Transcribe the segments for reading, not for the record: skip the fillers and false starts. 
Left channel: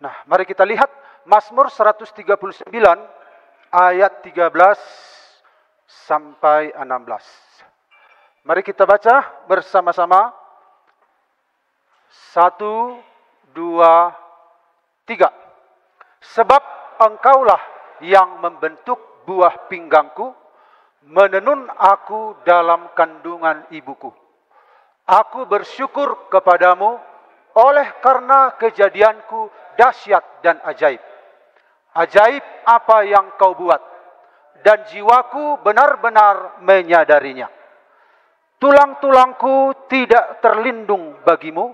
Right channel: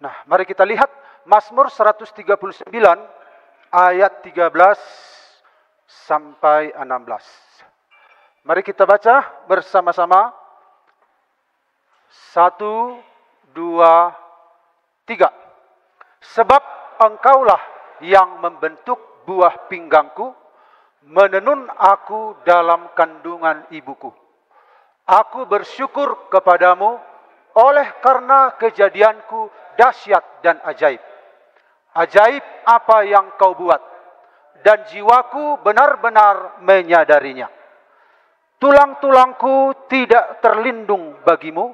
Nah, mari kita lihat Mazmur 139 ayat 13 sampai 16. Mari kita baca bersama-sama. 1, 2, 3. Sebab engkaulah yang membentuk buah pinggangku, menenun aku dalam kandungan ibuku. Aku bersyukur kepadamu oleh karena kejadianku dahsyat dan ajaib. Ajaib apa yang kau buat, dan jiwaku benar-benar menyadarinya. Tulang-tulangku tidak terlindung bagimu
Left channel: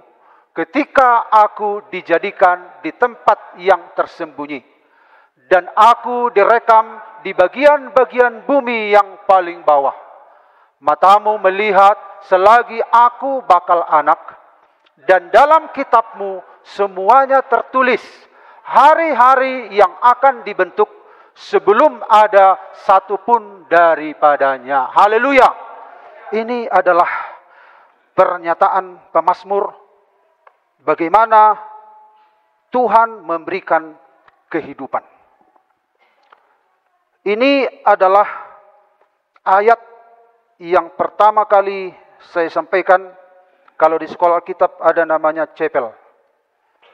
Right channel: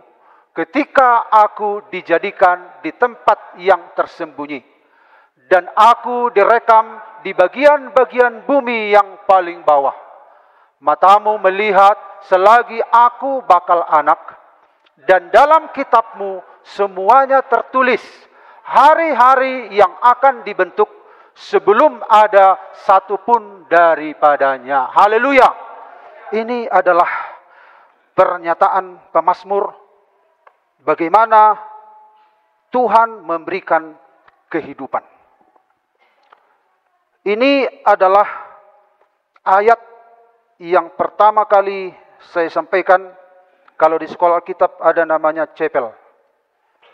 ketika aku dijadikan di tempat yang tersembunyi, dan aku direkam di bagian-bagian bumi yang paling bawah. Matamu melihat selagi aku bakal anak, dan dalam kitabmu semuanya tertulis hari-hari yang akan dibentuk sebelum ada satupun daripadanya. Haleluya. Ini adalah pernyataan pemazmur bagaimana Tuhan memberikan kehidupan. Ini adalah ayat yang pertama kali saya sampaikan kalau di sekolah Alkitab ada namanya chapel,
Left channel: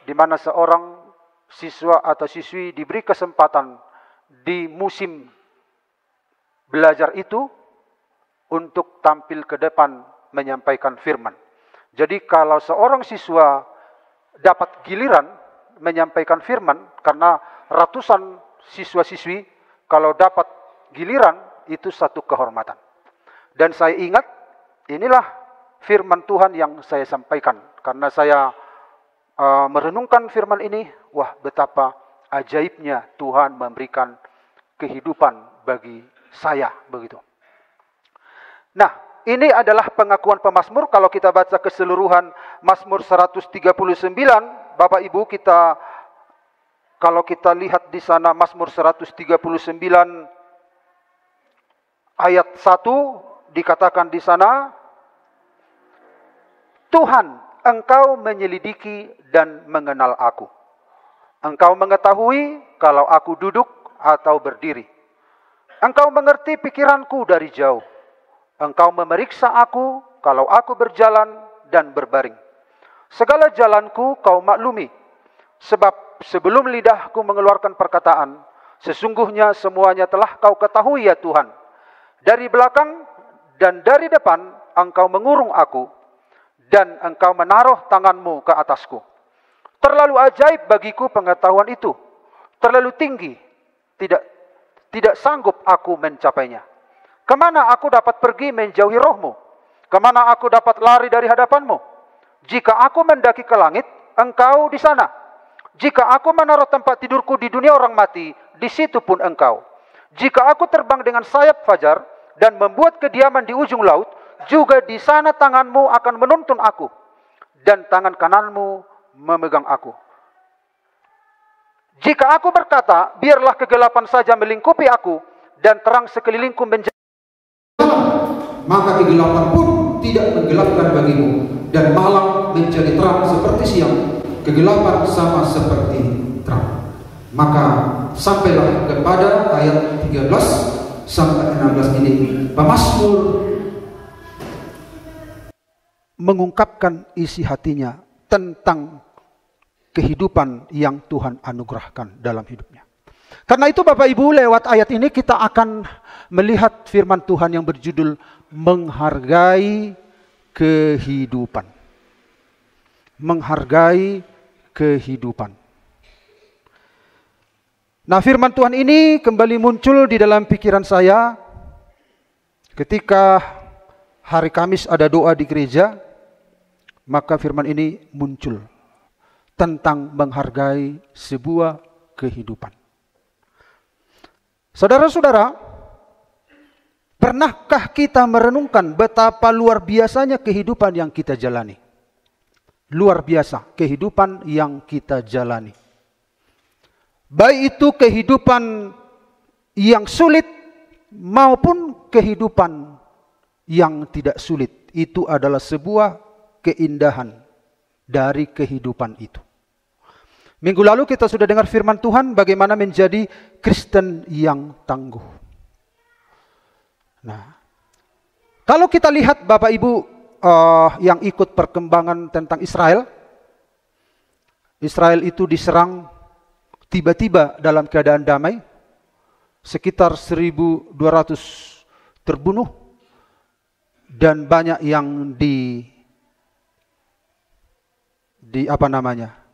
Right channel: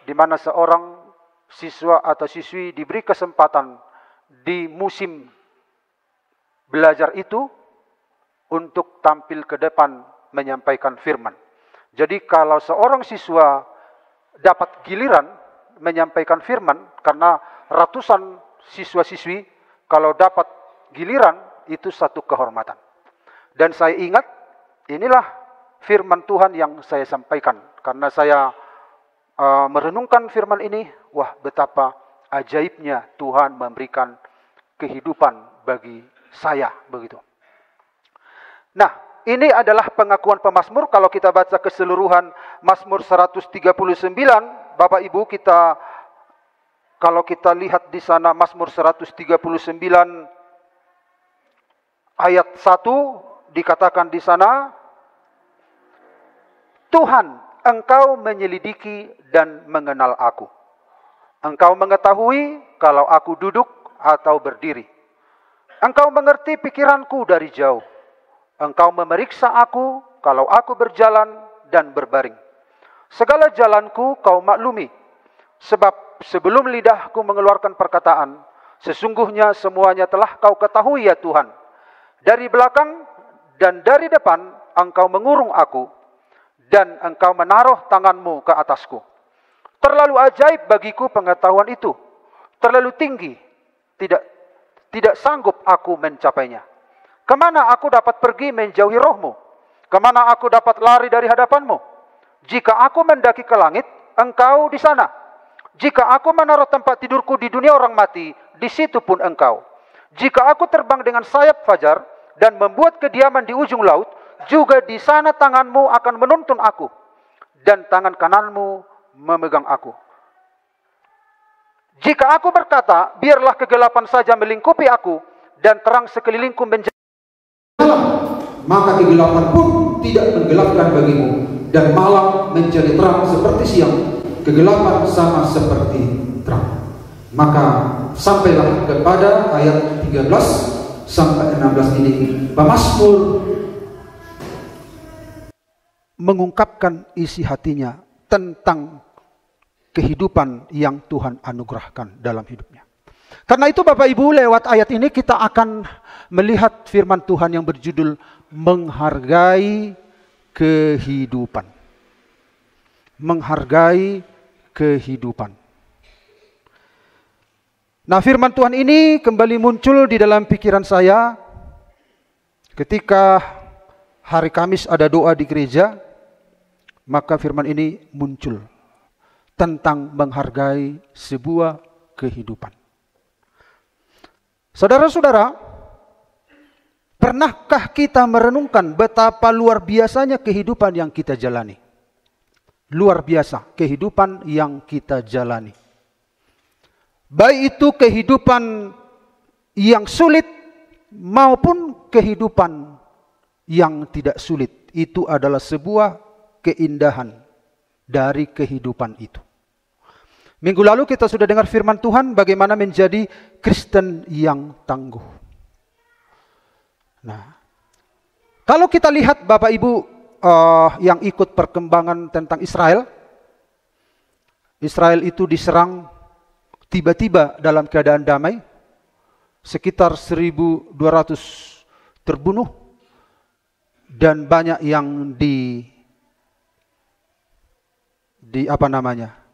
di mana seorang siswa atau siswi diberi kesempatan di musim belajar itu untuk tampil ke depan menyampaikan firman. Jadi kalau seorang siswa dapat giliran menyampaikan firman, karena ratusan siswa-siswi, kalau dapat giliran itu satu kehormatan. Dan saya ingat, inilah firman Tuhan yang saya sampaikan. Karena saya merenungkan firman ini, wah betapa ajaibnya Tuhan memberikan kehidupan bagi saya, begitu. Nah, ini adalah pengakuan pemazmur. Kalau kita baca keseluruhan Mazmur 139, Bapak Ibu, kalau kita lihat di sana Mazmur 139 ayat 1 dikatakan di sana, Tuhan, Engkau menyelidiki dan mengenal aku. Engkau mengetahui kalau aku duduk atau berdiri. Engkau mengerti pikiranku dari jauh. Engkau memeriksa aku kalau aku berjalan dan berbaring. Segala jalanku kau maklumi. Sebab sebelum lidahku mengeluarkan perkataan, sesungguhnya semuanya telah kau ketahui ya Tuhan. Dari belakang dan dari depan engkau mengurung aku, dan engkau menaruh tanganmu ke atasku. Terlalu ajaib bagiku pengetahuan itu. Terlalu tinggi, tidak sanggup aku mencapainya. Kemana aku dapat pergi menjauhi rohmu? Kemana aku dapat lari dari hadapanmu? Jika aku mendaki ke langit, engkau di sana. Jika aku menaruh tempat tidurku di dunia orang mati, di situ pun engkau. Jika aku terbang dengan sayap fajar dan membuat kediaman di ujung laut, juga di sana tanganmu akan menuntun aku, dan tangan kananmu memegang aku. Jika aku berkata, biarlah kegelapan saja melingkupi aku, dan terang sekelilingku menjadi maka kegelapan pun tidak menggelapkan bagimu, dan malam menjadi terang seperti siang, kegelapan sama seperti terang. Maka sampailah kepada ayat 13 sampai 16 ini, pemazmur mengungkapkan isi hatinya tentang kehidupan yang Tuhan anugerahkan dalam hidupnya. Karena itu Bapak Ibu, lewat ayat ini kita akan melihat firman Tuhan yang berjudul menghargai kehidupan. Menghargai kehidupan. Nah, firman Tuhan ini kembali muncul di dalam pikiran saya ketika hari Kamis ada doa di gereja, maka firman ini muncul tentang menghargai sebuah kehidupan. Saudara-saudara, pernahkah kita merenungkan betapa luar biasanya kehidupan yang kita jalani? Luar biasa kehidupan yang kita jalani. Baik itu kehidupan yang sulit maupun kehidupan yang tidak sulit. Itu adalah sebuah keindahan dari kehidupan itu. Minggu lalu kita sudah dengar firman Tuhan bagaimana menjadi Kristen yang tangguh. Kalau kita lihat Bapak Ibu yang ikut perkembangan tentang Israel. Israel itu diserang tiba-tiba dalam keadaan damai. Sekitar 1.200 terbunuh. Dan banyak yang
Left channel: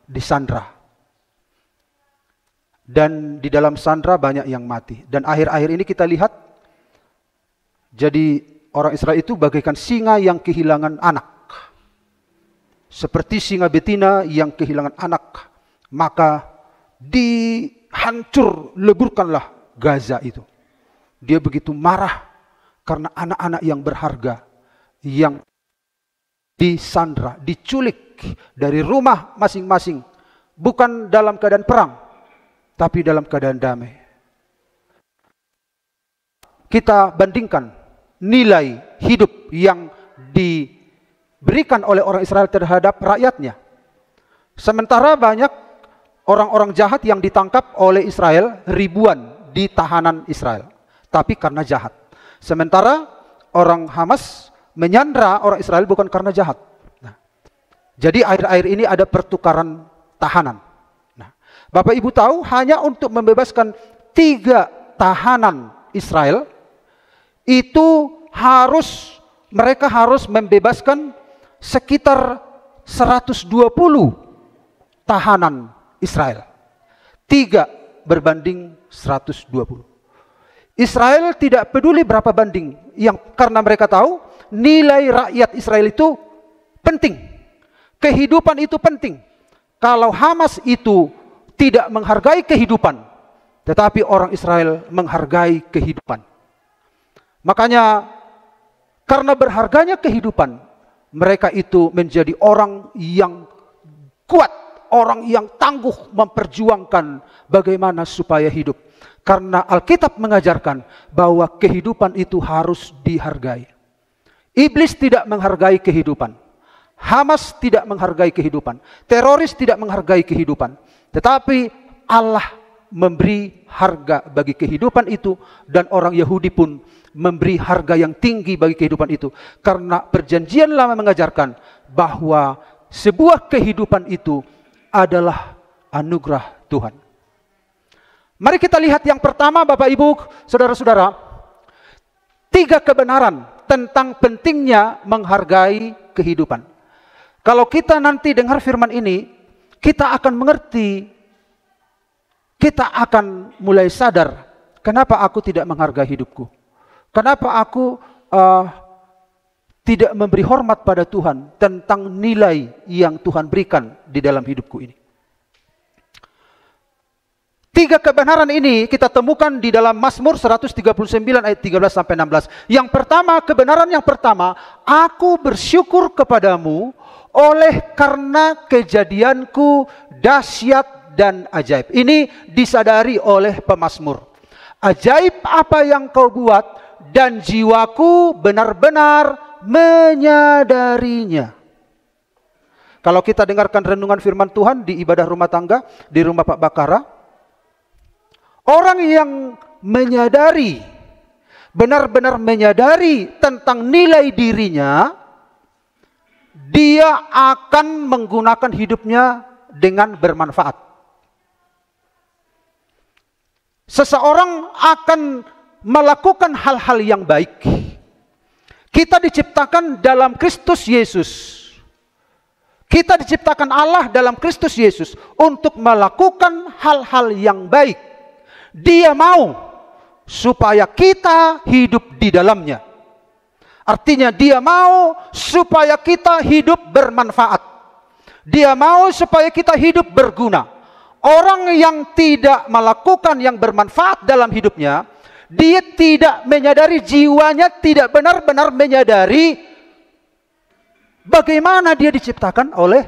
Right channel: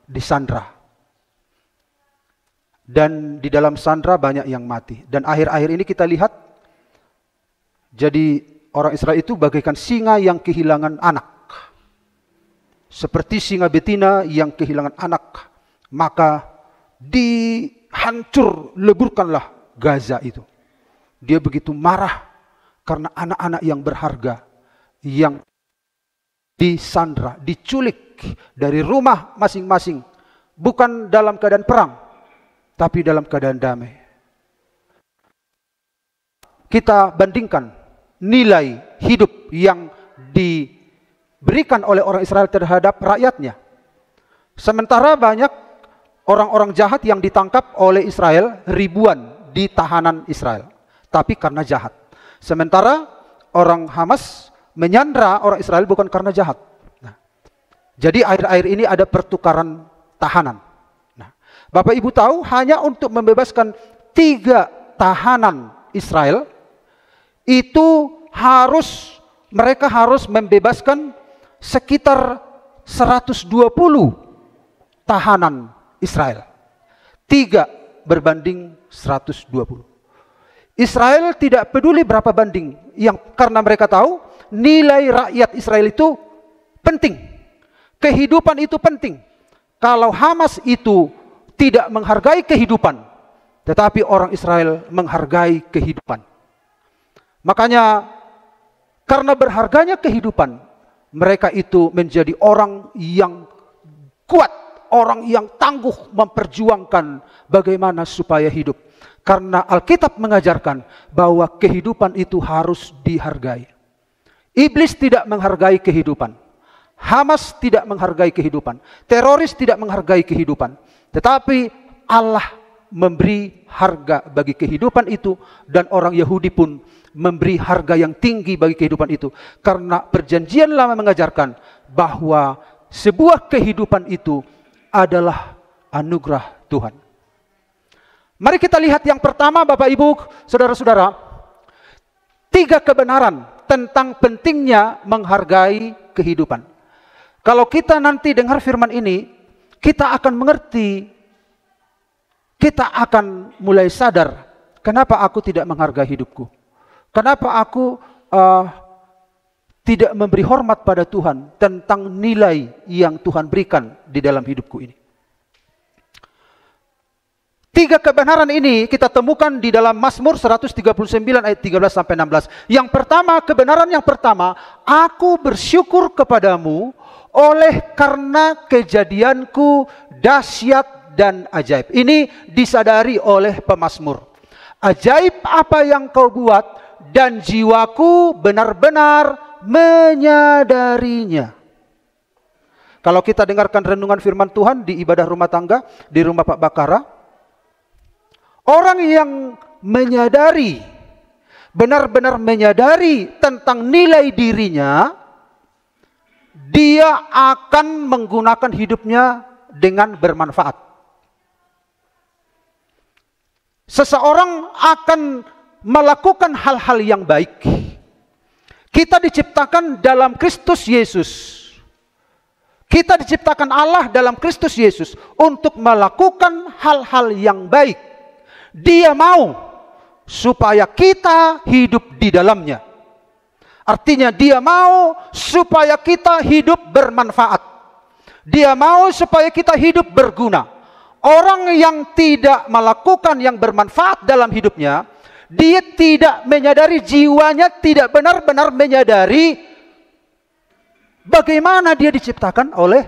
disandra. Dan di dalam sandra banyak yang mati. Dan akhir-akhir ini kita lihat, jadi orang Israel itu bagaikan singa yang kehilangan anak. Seperti singa betina yang kehilangan anak. Maka leburkanlah Gaza itu. Dia begitu marah karena anak-anak yang berharga yang disandra, diculik dari rumah masing-masing. Bukan dalam keadaan perang, tapi dalam keadaan damai. Kita bandingkan nilai hidup yang diberikan oleh orang Israel terhadap rakyatnya. Sementara banyak orang-orang jahat yang ditangkap oleh Israel, ribuan di tahanan Israel. Tapi karena jahat. Sementara orang Hamas menyandra orang Israel bukan karena jahat. Jadi akhir-akhir ini ada pertukaran tahanan. Bapak Ibu tahu hanya untuk membebaskan 3 tahanan Israel itu mereka harus membebaskan sekitar 120 tahanan Israel. 3 berbanding 120. Israel tidak peduli berapa banding, karena mereka tahu nilai rakyat Israel itu penting. Kehidupan itu penting. Kalau Hamas itu tidak menghargai kehidupan, tetapi orang Israel menghargai kehidupan. Makanya karena berharganya kehidupan, mereka itu menjadi orang yang kuat, orang yang tangguh memperjuangkan bagaimana supaya hidup. Karena Alkitab mengajarkan bahwa kehidupan itu harus dihargai. Iblis tidak menghargai kehidupan. Hamas tidak menghargai kehidupan. Teroris tidak menghargai kehidupan. Tetapi Allah memberi harga bagi kehidupan itu. Dan orang Yahudi pun memberi harga yang tinggi bagi kehidupan itu. Karena perjanjian lama mengajarkan bahwa sebuah kehidupan itu adalah anugerah Tuhan. Mari kita lihat yang pertama Bapak Ibu, Saudara-saudara. 3 kebenaran tentang pentingnya menghargai kehidupan. Kalau kita nanti dengar firman ini, kita akan mengerti, kita akan mulai sadar, kenapa aku tidak menghargai hidupku? Kenapa aku tidak memberi hormat pada Tuhan tentang nilai yang Tuhan berikan di dalam hidupku ini? 3 kebenaran ini kita temukan di dalam Mazmur 139 ayat 13-16. Kebenaran yang pertama, aku bersyukur kepadamu oleh karena kejadianku dahsyat dan ajaib. Ini disadari oleh pemazmur. Ajaib apa yang kau buat dan jiwaku benar-benar menyadarinya. Kalau kita dengarkan renungan firman Tuhan di ibadah rumah tangga, di rumah Pak Bakara, orang yang menyadari, benar-benar menyadari tentang nilai dirinya, dia akan menggunakan hidupnya dengan bermanfaat. Seseorang akan melakukan hal-hal yang baik. Kita diciptakan dalam Kristus Yesus. Kita diciptakan Allah dalam Kristus Yesus untuk melakukan hal-hal yang baik. Dia mau supaya kita hidup di dalamnya. Artinya dia mau supaya kita hidup bermanfaat. Dia mau supaya kita hidup berguna. Orang yang tidak melakukan yang bermanfaat dalam hidupnya, dia tidak menyadari, jiwanya tidak benar-benar menyadari bagaimana dia diciptakan oleh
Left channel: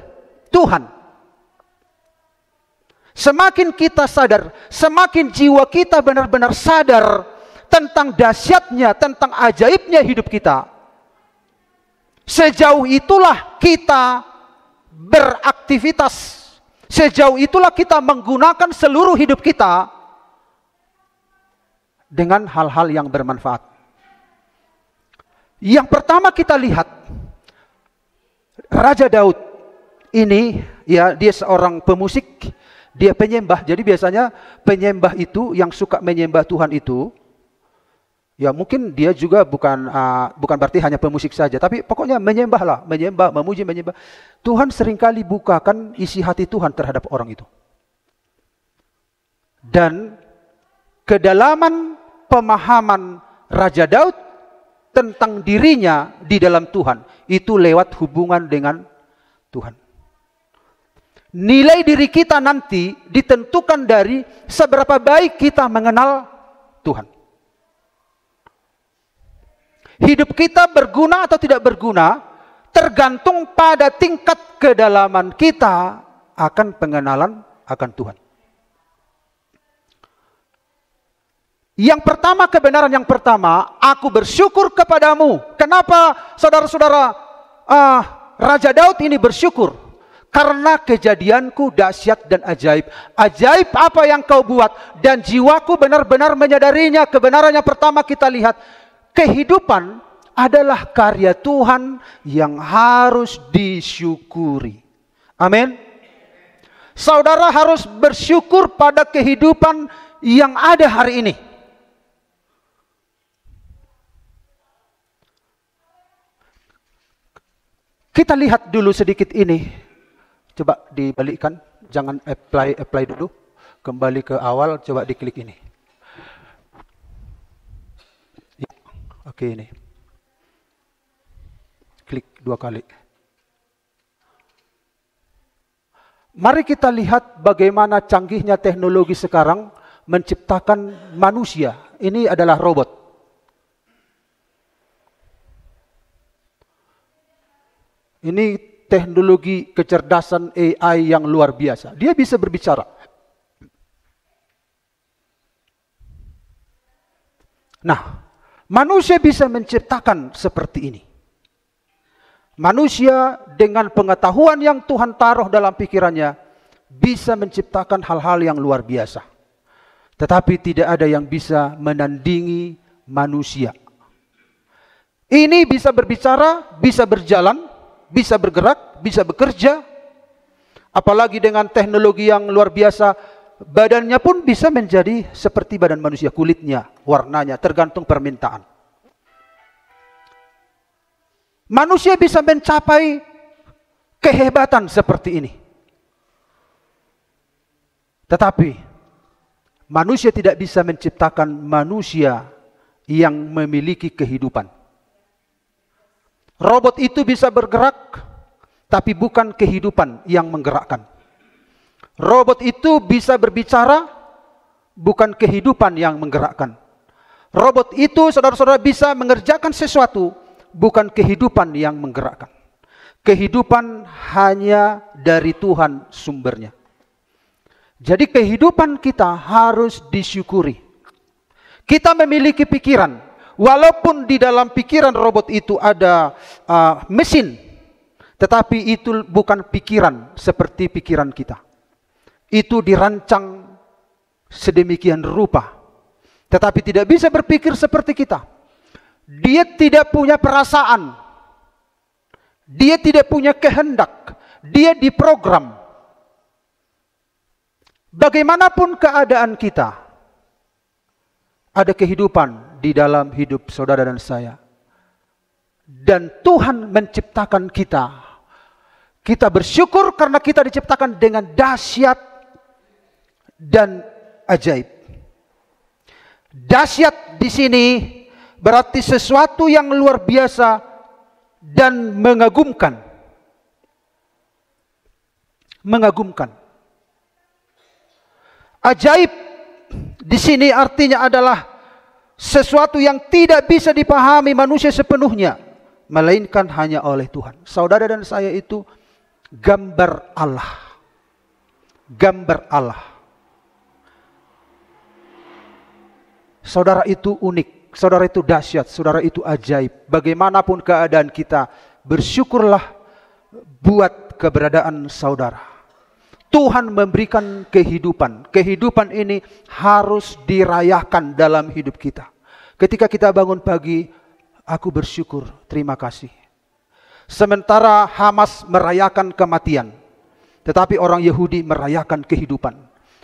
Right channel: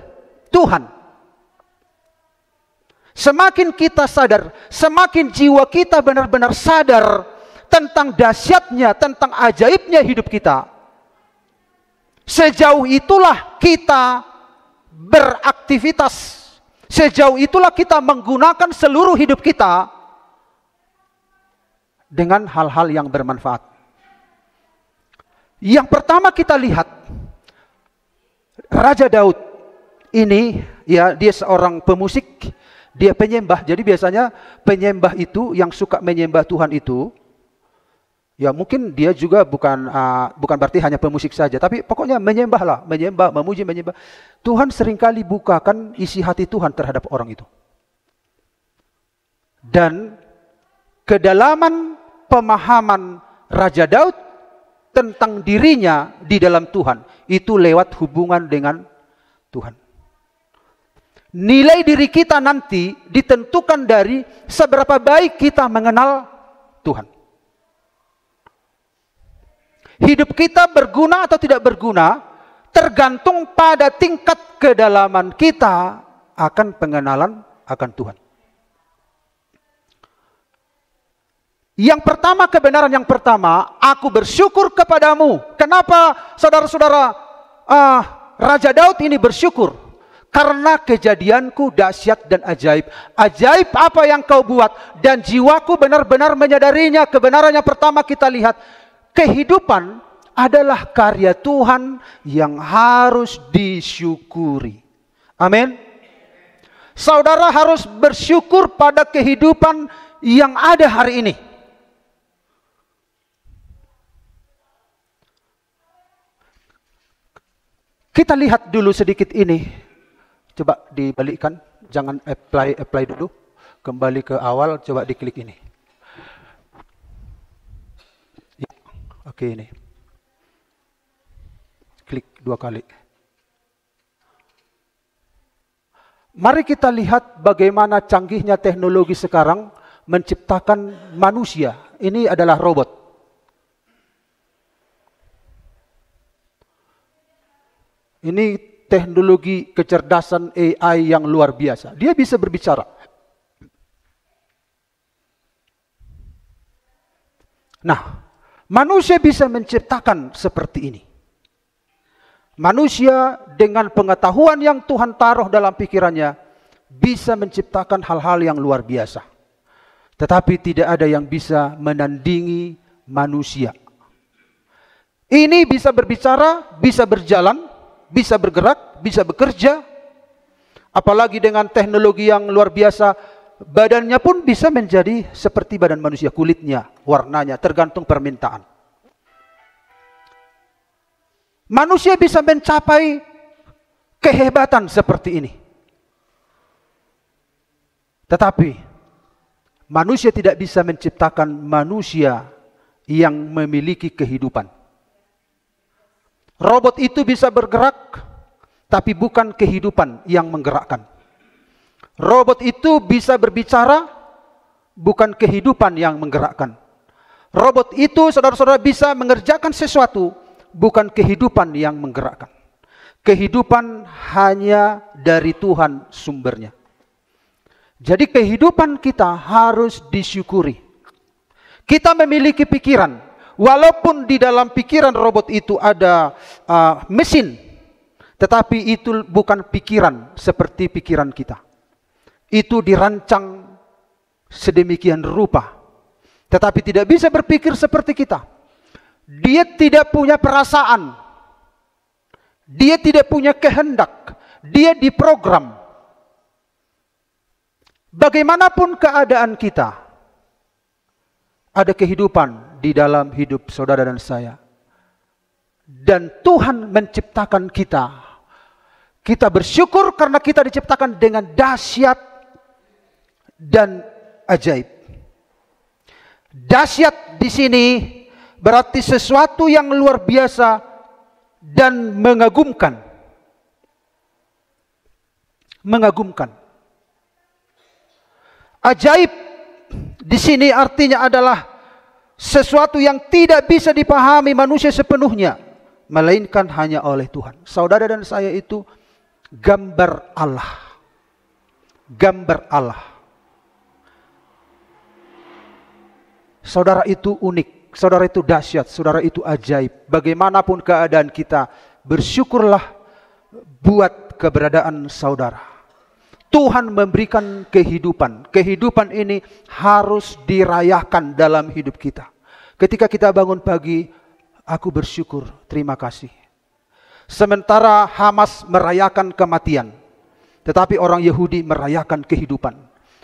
Tuhan. Semakin kita sadar, semakin jiwa kita benar-benar sadar tentang dahsyatnya, tentang ajaibnya hidup kita, sejauh itulah kita beraktivitas Sejauh itulah kita menggunakan seluruh hidup kita dengan hal-hal yang bermanfaat. Yang pertama kita lihat, Raja Daud ini, ya, dia seorang pemusik, dia penyembah. Jadi biasanya penyembah itu yang suka menyembah Tuhan itu, ya mungkin dia juga bukan berarti hanya pemusik saja, tapi pokoknya menyembahlah, menyembah, memuji, menyembah. Tuhan seringkali bukakan isi hati Tuhan terhadap orang itu. Dan kedalaman pemahaman Raja Daud tentang dirinya di dalam Tuhan itu lewat hubungan dengan Tuhan. Nilai diri kita nanti ditentukan dari seberapa baik kita mengenal Tuhan. Hidup kita berguna atau tidak berguna tergantung pada tingkat kedalaman kita akan pengenalan akan Tuhan. Yang pertama, kebenaran yang pertama, aku bersyukur kepadamu. Kenapa saudara-saudara Raja Daud ini bersyukur? Karena kejadianku dahsyat dan ajaib. Ajaib apa yang kau buat, dan jiwaku benar-benar menyadarinya. Kebenaran yang pertama kita lihat, kehidupan adalah karya Tuhan yang harus disyukuri. Amin. Saudara harus bersyukur pada kehidupan yang ada hari ini. Kita lihat dulu sedikit ini. Coba dibalikkan. Jangan apply dulu. Kembali ke awal. Coba diklik ini. Oke, ini. Klik 2 kali. Mari kita lihat bagaimana canggihnya teknologi sekarang menciptakan manusia. Ini adalah robot. Ini teknologi kecerdasan AI yang luar biasa. Dia bisa berbicara. Nah, manusia bisa menciptakan seperti ini. Manusia dengan pengetahuan yang Tuhan taruh dalam pikirannya bisa menciptakan hal-hal yang luar biasa. Tetapi tidak ada yang bisa menandingi manusia. Ini bisa berbicara, bisa berjalan, bisa bergerak, bisa bekerja. Apalagi dengan teknologi yang luar biasa, badannya pun bisa menjadi seperti badan manusia, kulitnya, warnanya, tergantung permintaan. Manusia bisa mencapai kehebatan seperti ini. Tetapi manusia tidak bisa menciptakan manusia yang memiliki kehidupan. Robot itu bisa bergerak, tapi bukan kehidupan yang menggerakkan. Robot itu bisa berbicara, bukan kehidupan yang menggerakkan. Robot itu, saudara-saudara, bisa mengerjakan sesuatu, bukan kehidupan yang menggerakkan. Kehidupan hanya dari Tuhan sumbernya. Jadi kehidupan kita harus disyukuri. Kita memiliki pikiran. Walaupun di dalam pikiran robot itu ada mesin, tetapi itu bukan pikiran seperti pikiran kita. Itu dirancang sedemikian rupa, tetapi tidak bisa berpikir seperti kita. Dia tidak punya perasaan, dia tidak punya kehendak, dia diprogram. Bagaimanapun keadaan kita, ada kehidupan di dalam hidup saudara dan saya. Dan Tuhan menciptakan kita. Kita bersyukur karena kita diciptakan dengan dahsyat dan ajaib. Dahsyat di sini berarti sesuatu yang luar biasa dan mengagumkan. Mengagumkan. Ajaib di sini artinya adalah sesuatu yang tidak bisa dipahami manusia sepenuhnya, melainkan hanya oleh Tuhan. Saudara dan saya itu gambar Allah. Gambar Allah. Saudara itu unik, saudara itu dahsyat, saudara itu ajaib. Bagaimanapun keadaan kita, bersyukurlah buat keberadaan saudara. Tuhan memberikan kehidupan. Kehidupan ini harus dirayakan dalam hidup kita. Ketika kita bangun pagi, aku bersyukur, terima kasih. Sementara Hamas merayakan kematian, tetapi orang Yahudi merayakan kehidupan.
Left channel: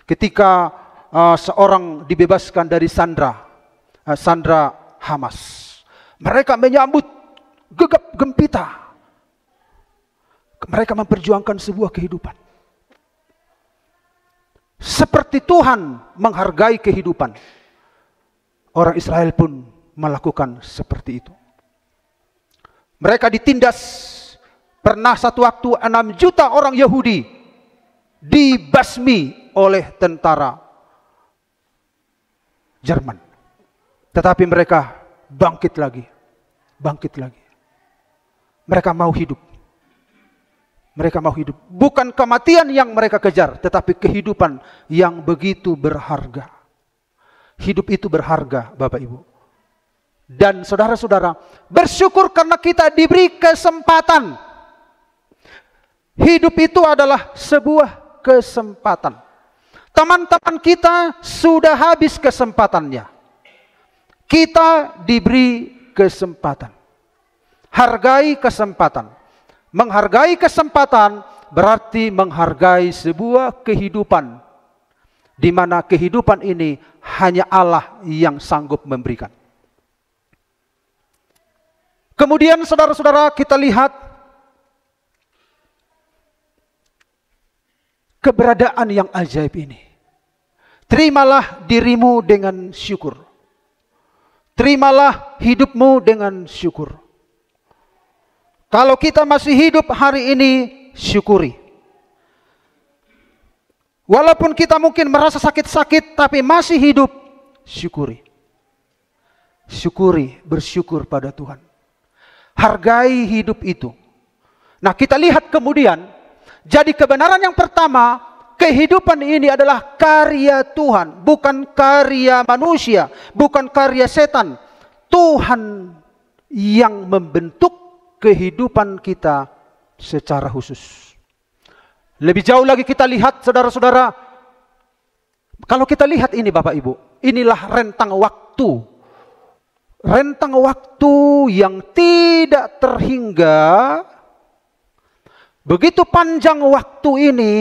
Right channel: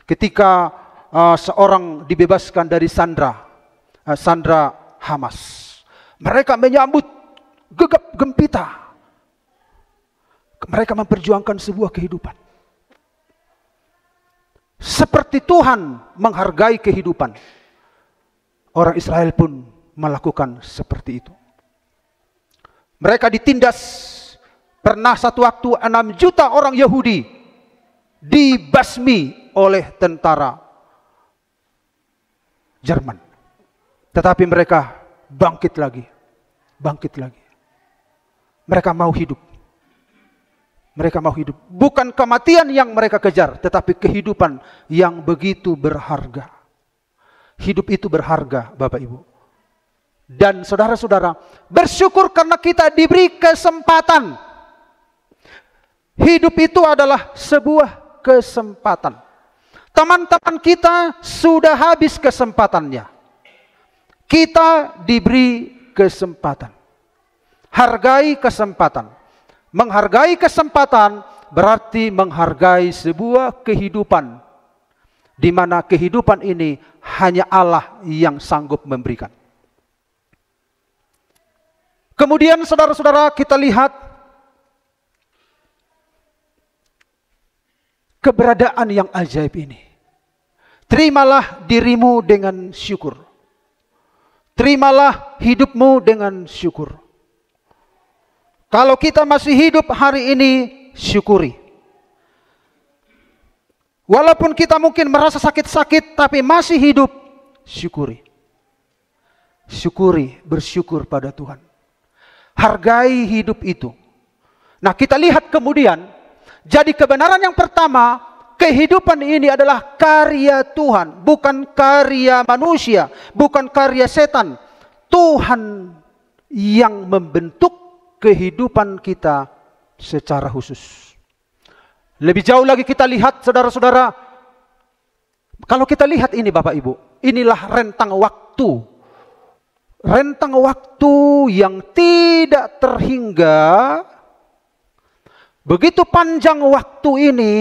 Ketika seorang dibebaskan dari sandra Hamas, mereka menyambut gegap gempita. Mereka memperjuangkan sebuah kehidupan. Seperti Tuhan menghargai kehidupan, orang Israel pun melakukan seperti itu. Mereka ditindas. Pernah satu waktu 6 juta orang Yahudi dibasmi oleh tentara Jerman. Tetapi mereka bangkit lagi. Mereka mau hidup. Bukan kematian yang mereka kejar, tetapi kehidupan yang begitu berharga. Hidup itu berharga, Bapak Ibu. Dan saudara-saudara, bersyukur karena kita diberi kesempatan. Hidup itu adalah sebuah kesempatan. Teman-teman kita sudah habis kesempatannya. Kita diberi kesempatan. Hargai kesempatan. Menghargai kesempatan berarti menghargai sebuah kehidupan, di mana kehidupan ini hanya Allah yang sanggup memberikan. Kemudian saudara-saudara, kita lihat keberadaan yang ajaib ini. Terimalah dirimu dengan syukur. Terimalah hidupmu dengan syukur. Kalau kita masih hidup hari ini, syukuri. Walaupun kita mungkin merasa sakit-sakit, tapi masih hidup, syukuri. Syukuri, bersyukur pada Tuhan. Hargai hidup itu. Nah, kita lihat kemudian, jadi kebenaran yang pertama, kehidupan ini adalah karya Tuhan, bukan karya manusia, bukan karya setan. Tuhan yang membentuk kehidupan kita secara khusus. Lebih jauh lagi kita lihat, saudara-saudara, kalau kita lihat ini Bapak Ibu, inilah rentang waktu. Rentang waktu yang tidak terhingga. Begitu panjang waktu ini,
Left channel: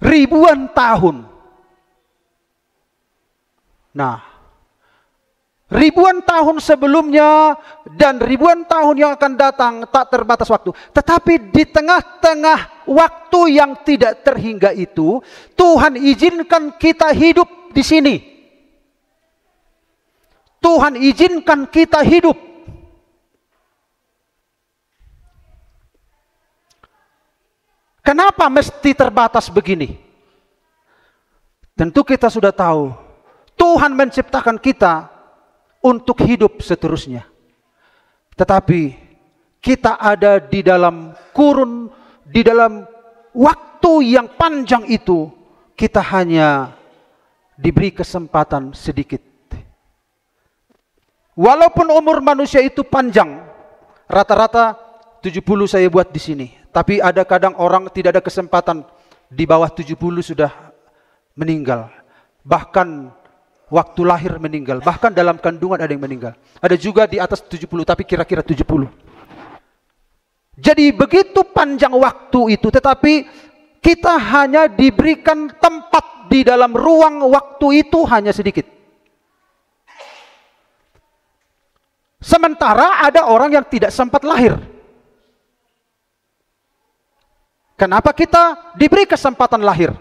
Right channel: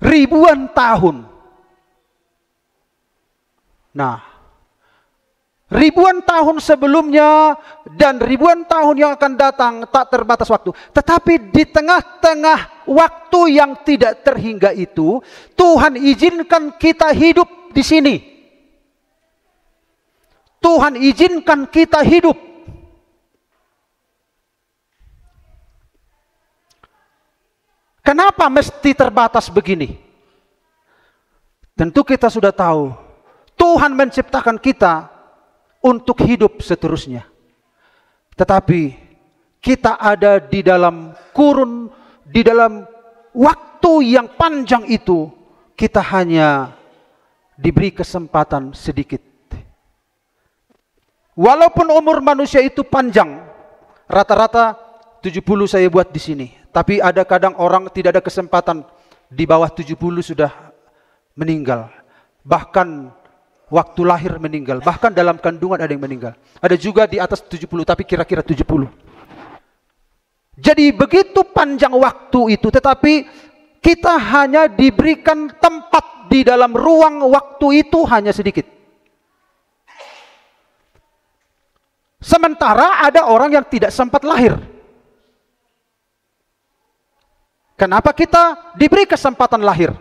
ribuan tahun. Nah, ribuan tahun sebelumnya dan ribuan tahun yang akan datang tak terbatas waktu. Tetapi di tengah-tengah waktu yang tidak terhingga itu, Tuhan izinkan kita hidup di sini. Tuhan izinkan kita hidup. Kenapa mesti terbatas begini? Tentu kita sudah tahu, Tuhan menciptakan kita untuk hidup seterusnya. Tetapi kita ada di dalam kurun, di dalam waktu yang panjang itu, kita hanya diberi kesempatan sedikit. Walaupun umur manusia itu panjang, rata-rata 70 saya buat di sini. Tapi ada kadang orang tidak ada kesempatan, di bawah 70 sudah meninggal. Bahkan waktu lahir meninggal. Bahkan dalam kandungan ada yang meninggal. Ada juga di atas 70, tapi kira-kira 70. Jadi begitu panjang waktu itu, tetapi kita hanya diberikan tempat di dalam ruang waktu itu hanya sedikit. Sementara ada orang yang tidak sempat lahir. Kenapa kita diberi kesempatan lahir?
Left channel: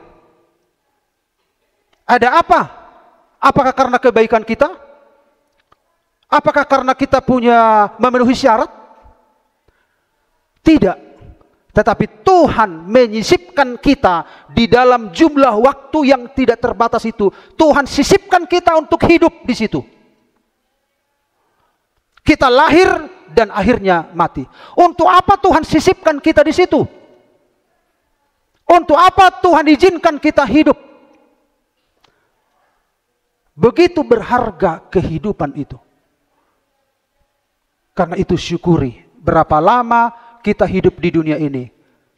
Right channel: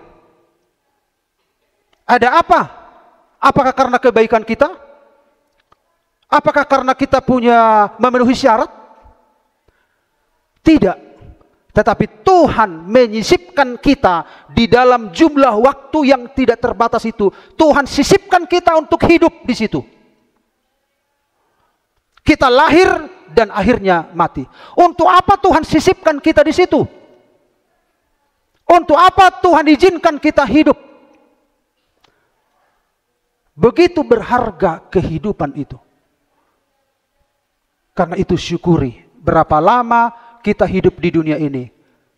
Ada apa? Apakah karena kebaikan kita? Apakah karena kita punya memenuhi syarat? Tidak. Tetapi Tuhan menyisipkan kita di dalam jumlah waktu yang tidak terbatas itu. Tuhan sisipkan kita untuk hidup di situ. Kita lahir dan akhirnya mati. Untuk apa Tuhan sisipkan kita di situ? Untuk apa Tuhan izinkan kita hidup? Begitu berharga kehidupan itu. Karena itu syukuri. Berapa lama kita hidup di dunia ini?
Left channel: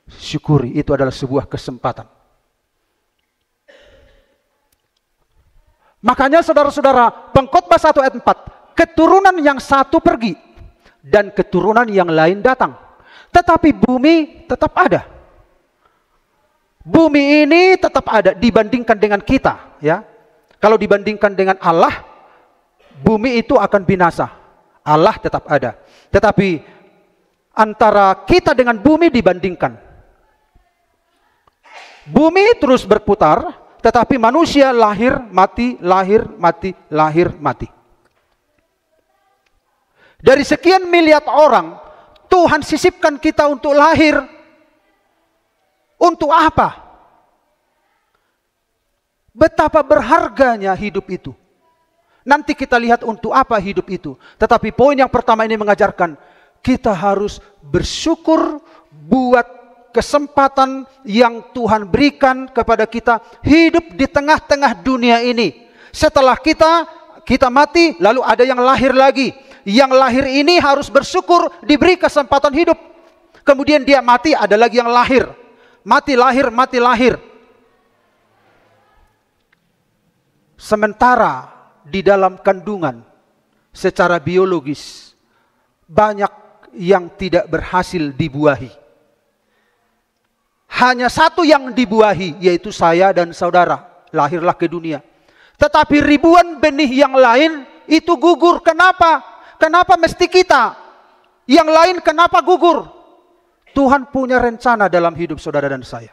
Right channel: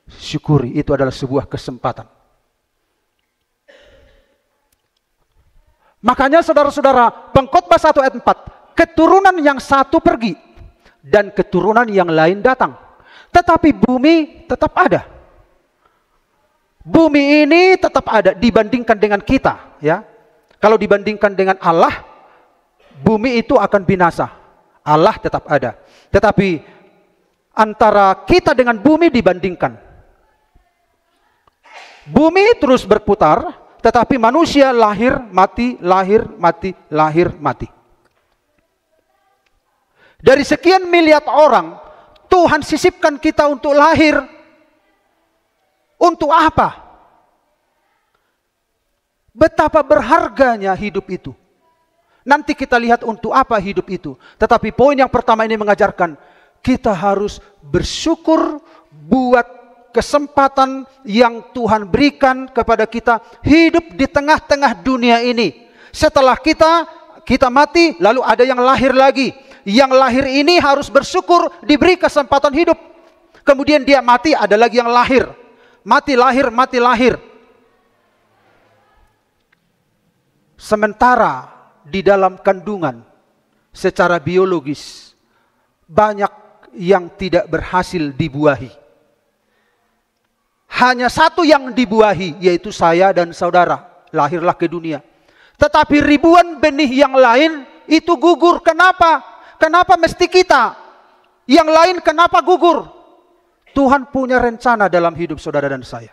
Syukuri, itu adalah sebuah kesempatan. Makanya saudara-saudara, Pengkhotbah 1 ayat 4. Keturunan yang satu pergi dan keturunan yang lain datang. Tetapi bumi tetap ada. Bumi ini tetap ada dibandingkan dengan kita, ya. Kalau dibandingkan dengan Allah, bumi itu akan binasa. Allah tetap ada. Tetapi antara kita dengan bumi dibandingkan. Bumi terus berputar, tetapi manusia lahir, mati, lahir, mati, lahir, mati. Dari sekian miliar orang, Tuhan sisipkan kita untuk lahir. Untuk apa? Betapa berharganya hidup itu. Nanti kita lihat untuk apa hidup itu. Tetapi poin yang pertama ini mengajarkan, kita harus bersyukur buat kesempatan yang Tuhan berikan kepada kita hidup di tengah-tengah dunia ini. Setelah kita mati, lalu ada yang lahir lagi. Yang lahir ini harus bersyukur diberi kesempatan hidup. Kemudian dia mati, ada lagi yang lahir. Mati lahir, mati lahir. Sementara di dalam kandungan secara biologis banyak yang tidak berhasil dibuahi. Hanya satu yang dibuahi, yaitu saya dan saudara. Lahirlah ke dunia. Tetapi ribuan benih yang lain itu gugur. Kenapa? Kenapa mesti kita? Yang lain kenapa gugur? Tuhan punya rencana dalam hidup saudara dan saya.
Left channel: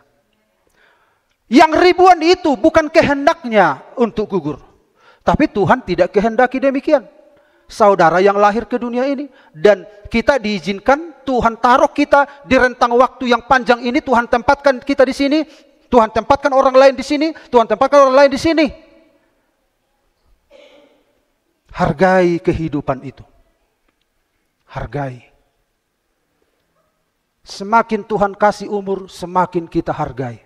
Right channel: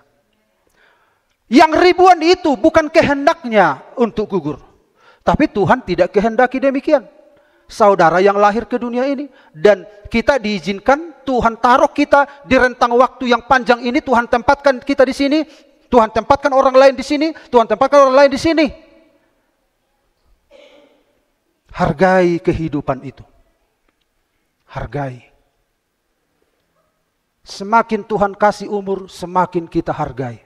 Yang ribuan itu bukan kehendaknya untuk gugur. Tapi Tuhan tidak kehendaki demikian. Saudara yang lahir ke dunia ini. Dan kita diizinkan, Tuhan taruh kita di rentang waktu yang panjang ini. Tuhan tempatkan kita di sini. Tuhan tempatkan orang lain di sini. Tuhan tempatkan orang lain di sini. Hargai kehidupan itu. Hargai. Semakin Tuhan kasih umur, semakin kita hargai.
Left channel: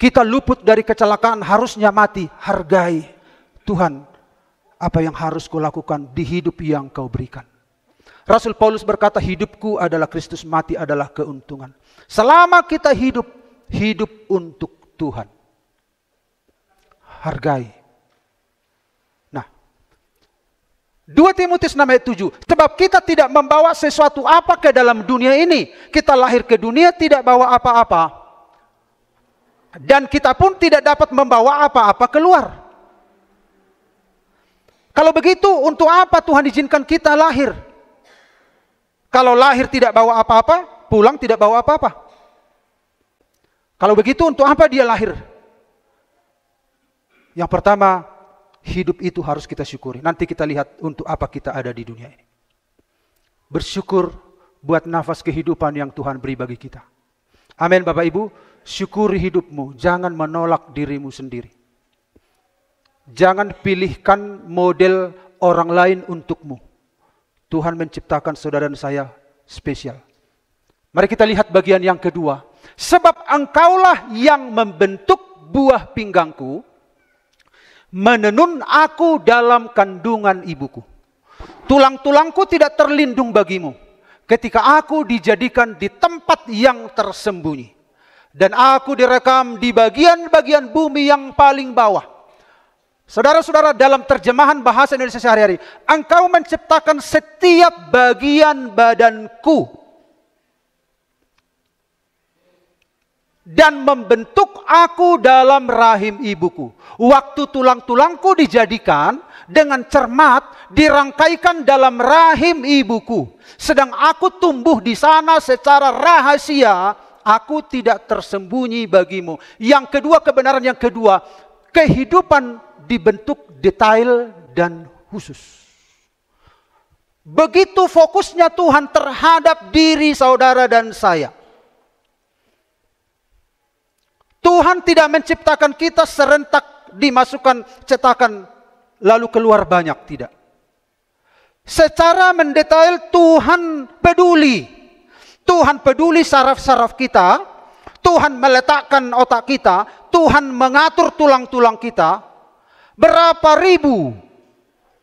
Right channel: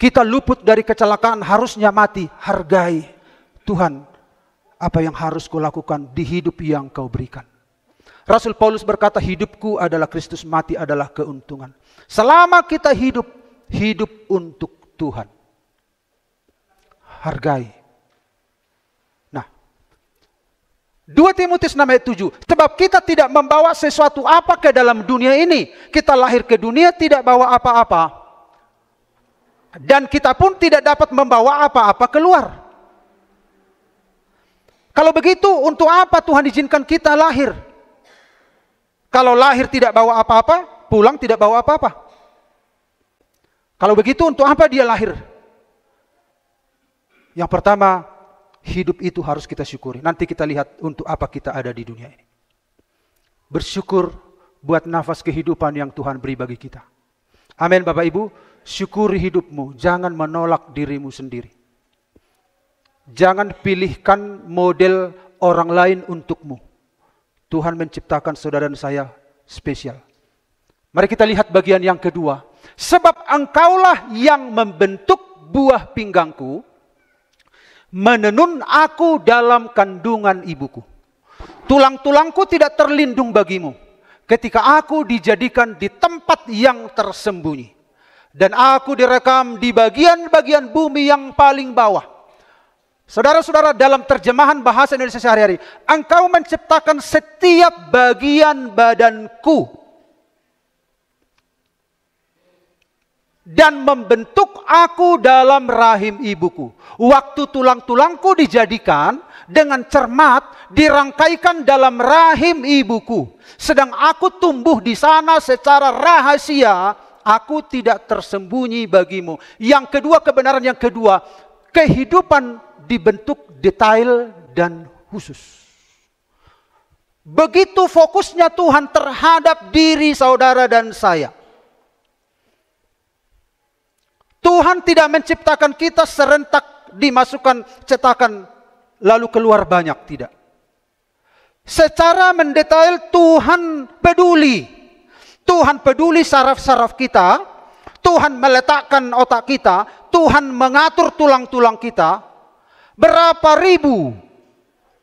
Kita luput dari kecelakaan, harusnya mati. Hargai. Tuhan, apa yang harus kulakukan di hidup yang kau berikan. Rasul Paulus berkata, hidupku adalah Kristus, mati adalah keuntungan. Selama kita hidup, hidup untuk Tuhan. Hargai. Nah, 2 Timotius 6 ayat 7. Sebab kita tidak membawa sesuatu apa ke dalam dunia ini. Kita lahir ke dunia tidak bawa apa-apa. Dan kita pun tidak dapat membawa apa-apa keluar. Kalau begitu, untuk apa Tuhan izinkan kita lahir? Kalau lahir tidak bawa apa-apa, pulang tidak bawa apa-apa. Kalau begitu, untuk apa dia lahir? Yang pertama, hidup itu harus kita syukuri. Nanti kita lihat untuk apa kita ada di dunia ini. Bersyukur buat nafas kehidupan yang Tuhan beri bagi kita. Amin Bapak Ibu. Syukuri hidupmu. Jangan menolak dirimu sendiri. Jangan pilihkan model orang lain untukmu. Tuhan menciptakan saudara dan saya spesial. Mari kita lihat bagian yang kedua. Sebab engkaulah yang membentuk buah pinggangku, menenun aku dalam kandungan ibuku. Tulang-tulangku tidak terlindung bagimu ketika aku dijadikan di tempat yang tersembunyi. Dan aku direkam di bagian-bagian bumi yang paling bawah. Saudara-saudara, dalam terjemahan bahasa Indonesia sehari-hari, engkau menciptakan setiap bagian badanku. Dan membentuk aku dalam rahim ibuku. Waktu tulang-tulangku dijadikan dengan cermat, dirangkaikan dalam rahim ibuku. Sedang aku tumbuh di sana secara rahasia. Aku tidak tersembunyi bagimu. Yang kedua, kebenaran yang kedua. Kehidupan dibentuk detail dan khusus. Begitu fokusnya Tuhan terhadap diri saudara dan saya. Tuhan tidak menciptakan kita serentak dimasukkan cetakan lalu keluar banyak. Tidak. Secara mendetail Tuhan peduli. Tuhan peduli saraf-saraf kita. Tuhan meletakkan otak kita. Tuhan mengatur tulang-tulang kita. Berapa ribu,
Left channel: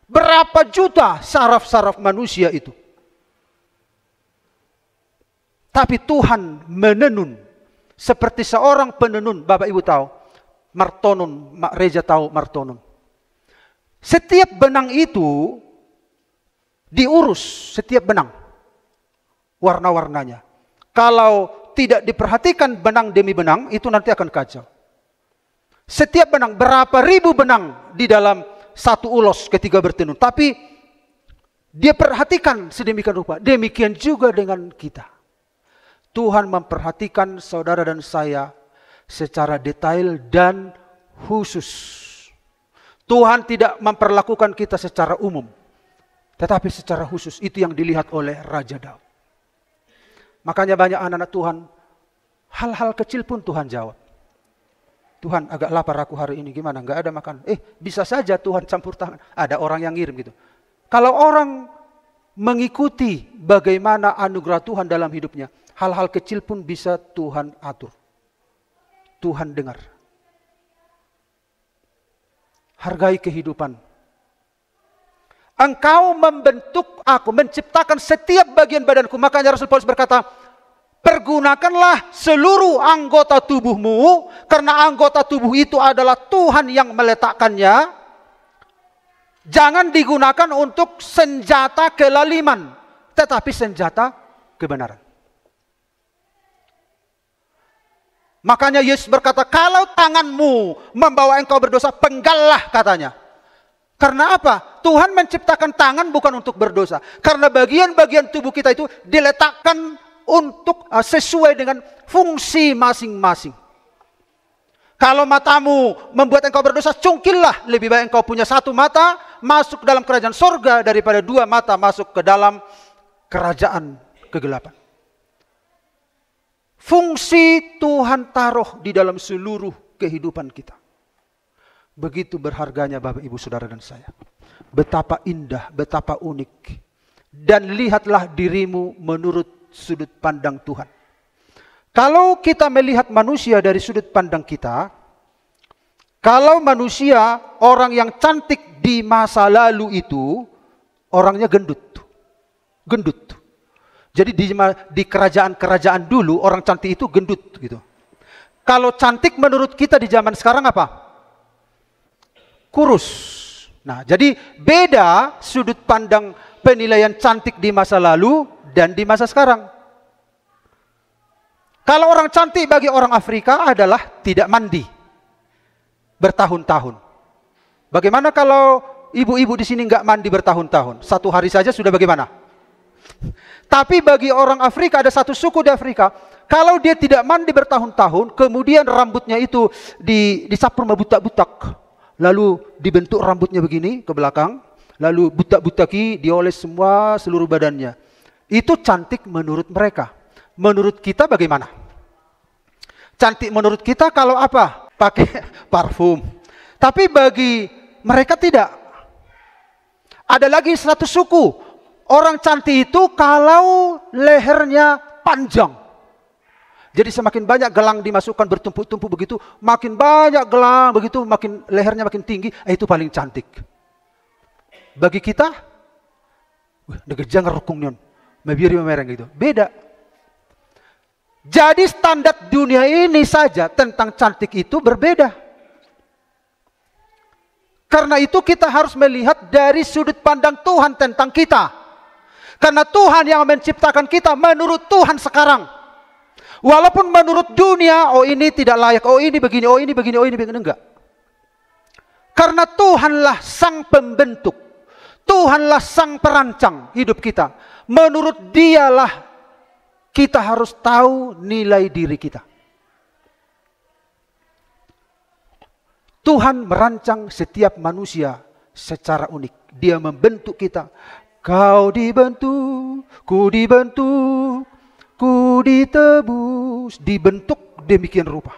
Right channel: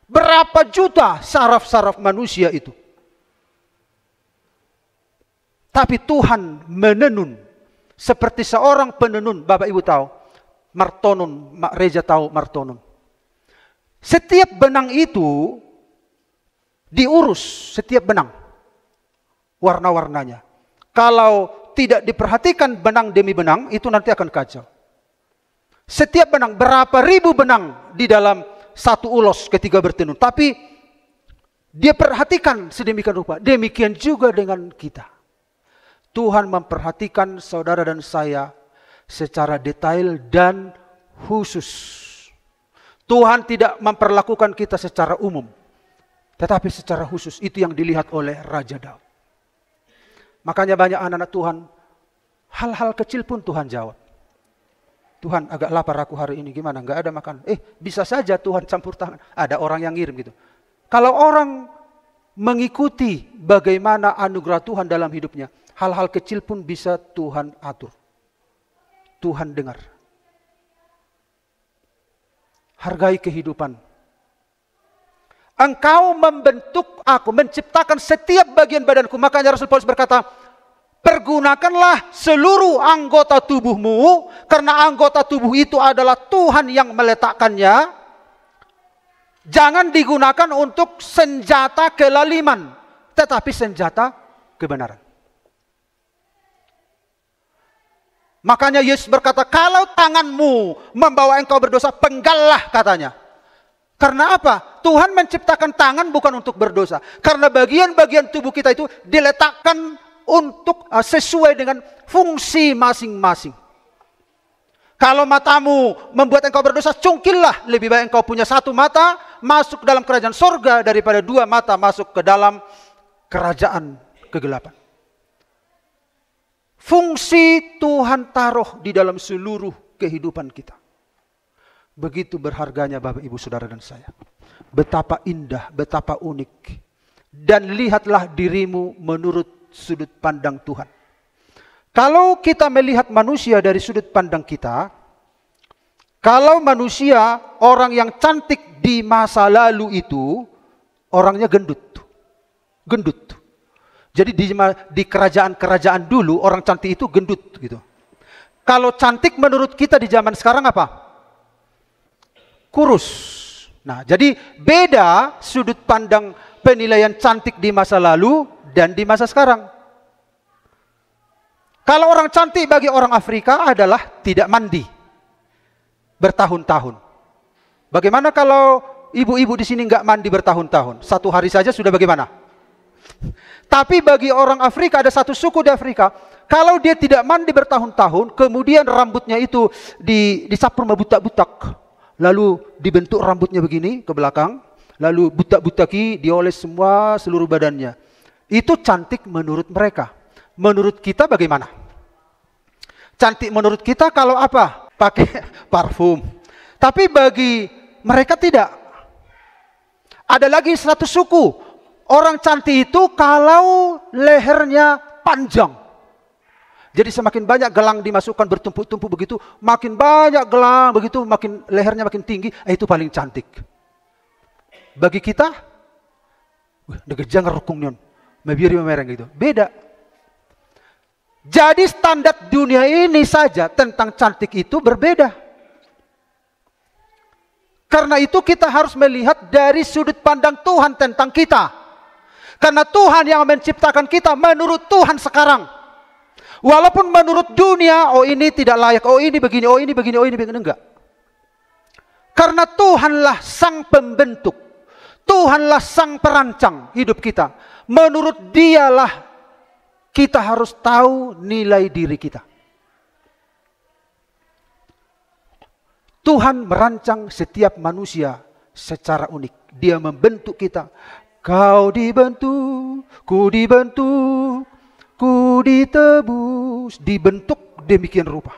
berapa juta saraf-saraf manusia itu. Tapi Tuhan menenun. Seperti seorang penenun. Bapak Ibu tahu. Martonun. Mak Reja tahu Martonun. Setiap benang itu diurus, setiap benang. Warna-warnanya. Kalau tidak diperhatikan benang demi benang, itu nanti akan kacau. Setiap benang, berapa ribu benang di dalam satu ulos ketika bertenun. Tapi dia perhatikan sedemikian rupa. Demikian juga dengan kita. Tuhan memperhatikan saudara dan saya secara detail dan khusus. Tuhan tidak memperlakukan kita secara umum, tetapi secara khusus. Itu yang dilihat oleh Raja Daud. Makanya banyak anak-anak Tuhan, hal-hal kecil pun Tuhan jawab. Tuhan, agak lapar aku hari ini, gimana? Enggak ada makan. Bisa saja Tuhan campur tangan. Ada orang yang ngirim gitu. Kalau orang mengikuti bagaimana anugerah Tuhan dalam hidupnya, hal-hal kecil pun bisa Tuhan atur. Tuhan dengar. Hargai kehidupan. Engkau membentuk aku, menciptakan setiap bagian badanku. Makanya Rasul Paulus berkata, pergunakanlah seluruh anggota tubuhmu, karena anggota tubuh itu adalah Tuhan yang meletakkannya. Jangan digunakan untuk senjata kelaliman, tetapi senjata kebenaran. Makanya Yesus berkata, kalau tanganmu membawa engkau berdosa, penggallah katanya. Karena apa? Tuhan menciptakan tangan bukan untuk berdosa. Karena bagian-bagian tubuh kita itu diletakkan untuk sesuai dengan fungsi masing-masing. Kalau matamu membuat engkau berdosa, cungkillah. Lebih baik engkau punya satu mata masuk ke dalam kerajaan sorga daripada dua mata masuk ke dalam kerajaan kegelapan. Fungsi Tuhan taruh di dalam seluruh kehidupan kita. Begitu berharganya Bapak, Ibu, Saudara dan saya. Betapa indah, betapa unik. Dan lihatlah dirimu menurut sudut pandang Tuhan. Kalau kita melihat manusia dari sudut pandang kita, kalau manusia, orang yang cantik di masa lalu itu, orangnya gendut. Gendut. Jadi di kerajaan-kerajaan dulu, orang cantik itu gendut gitu. Kalau cantik menurut kita di zaman sekarang apa? Kurus. Nah, jadi beda sudut pandang penilaian cantik di masa lalu dan di masa sekarang. Kalau orang cantik bagi orang Afrika adalah tidak mandi bertahun-tahun. Bagaimana kalau ibu-ibu di sini nggak mandi bertahun-tahun? Satu hari saja sudah bagaimana? Tapi bagi orang Afrika, ada satu suku di Afrika, kalau dia tidak mandi bertahun-tahun, kemudian rambutnya itu disapu sama butak-butak. Lalu dibentuk rambutnya begini ke belakang, lalu butak-butaki dioles semua seluruh badannya. Itu cantik menurut mereka. Menurut kita bagaimana? Cantik menurut kita kalau apa? Pakai parfum. Tapi bagi mereka tidak. Ada lagi satu suku. Orang cantik itu kalau lehernya panjang. Jadi semakin banyak gelang dimasukkan bertumpuk-tumpuk begitu, makin banyak gelang begitu, makin lehernya makin tinggi, itu paling cantik. Bagi kita, jangan rukum nun, mebiri memereng itu. Beda. Jadi standar dunia ini saja tentang cantik itu berbeda. Karena itu kita harus melihat dari sudut pandang Tuhan tentang kita. Karena Tuhan yang menciptakan kita menurut Tuhan sekarang. Walaupun menurut dunia, oh ini tidak layak, oh ini begini, oh ini begini, oh ini begini, enggak. Karena Tuhanlah sang pembentuk. Tuhanlah sang perancang hidup kita. Menurut Dialah kita harus tahu nilai diri kita. Tuhan merancang setiap manusia secara unik. Dia membentuk kita. Kau dibentuk, ku dibentuk, ku ditebus, dibentuk demikian rupa.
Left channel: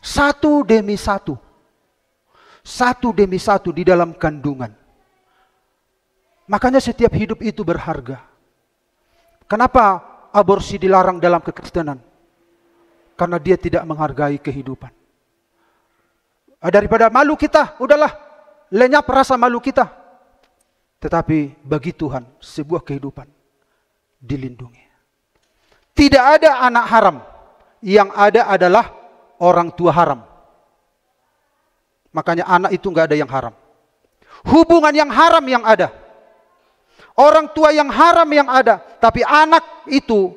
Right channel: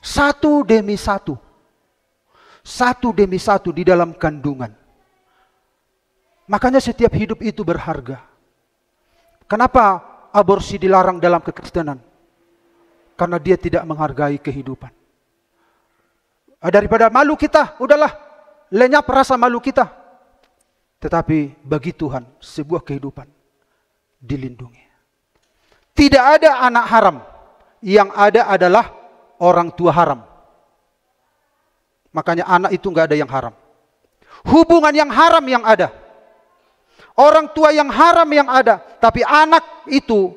Satu demi satu. Satu demi satu di dalam kandungan. Makanya setiap hidup itu berharga. Kenapa aborsi dilarang dalam kekristenan? Karena dia tidak menghargai kehidupan. Daripada malu kita, udahlah. Lenyap rasa malu kita. Tetapi bagi Tuhan, sebuah kehidupan dilindungi. Tidak ada anak haram. Yang ada adalah orang tua haram. Makanya anak itu nggak ada yang haram. Hubungan yang haram yang ada. Orang tua yang haram yang ada. Tapi anak itu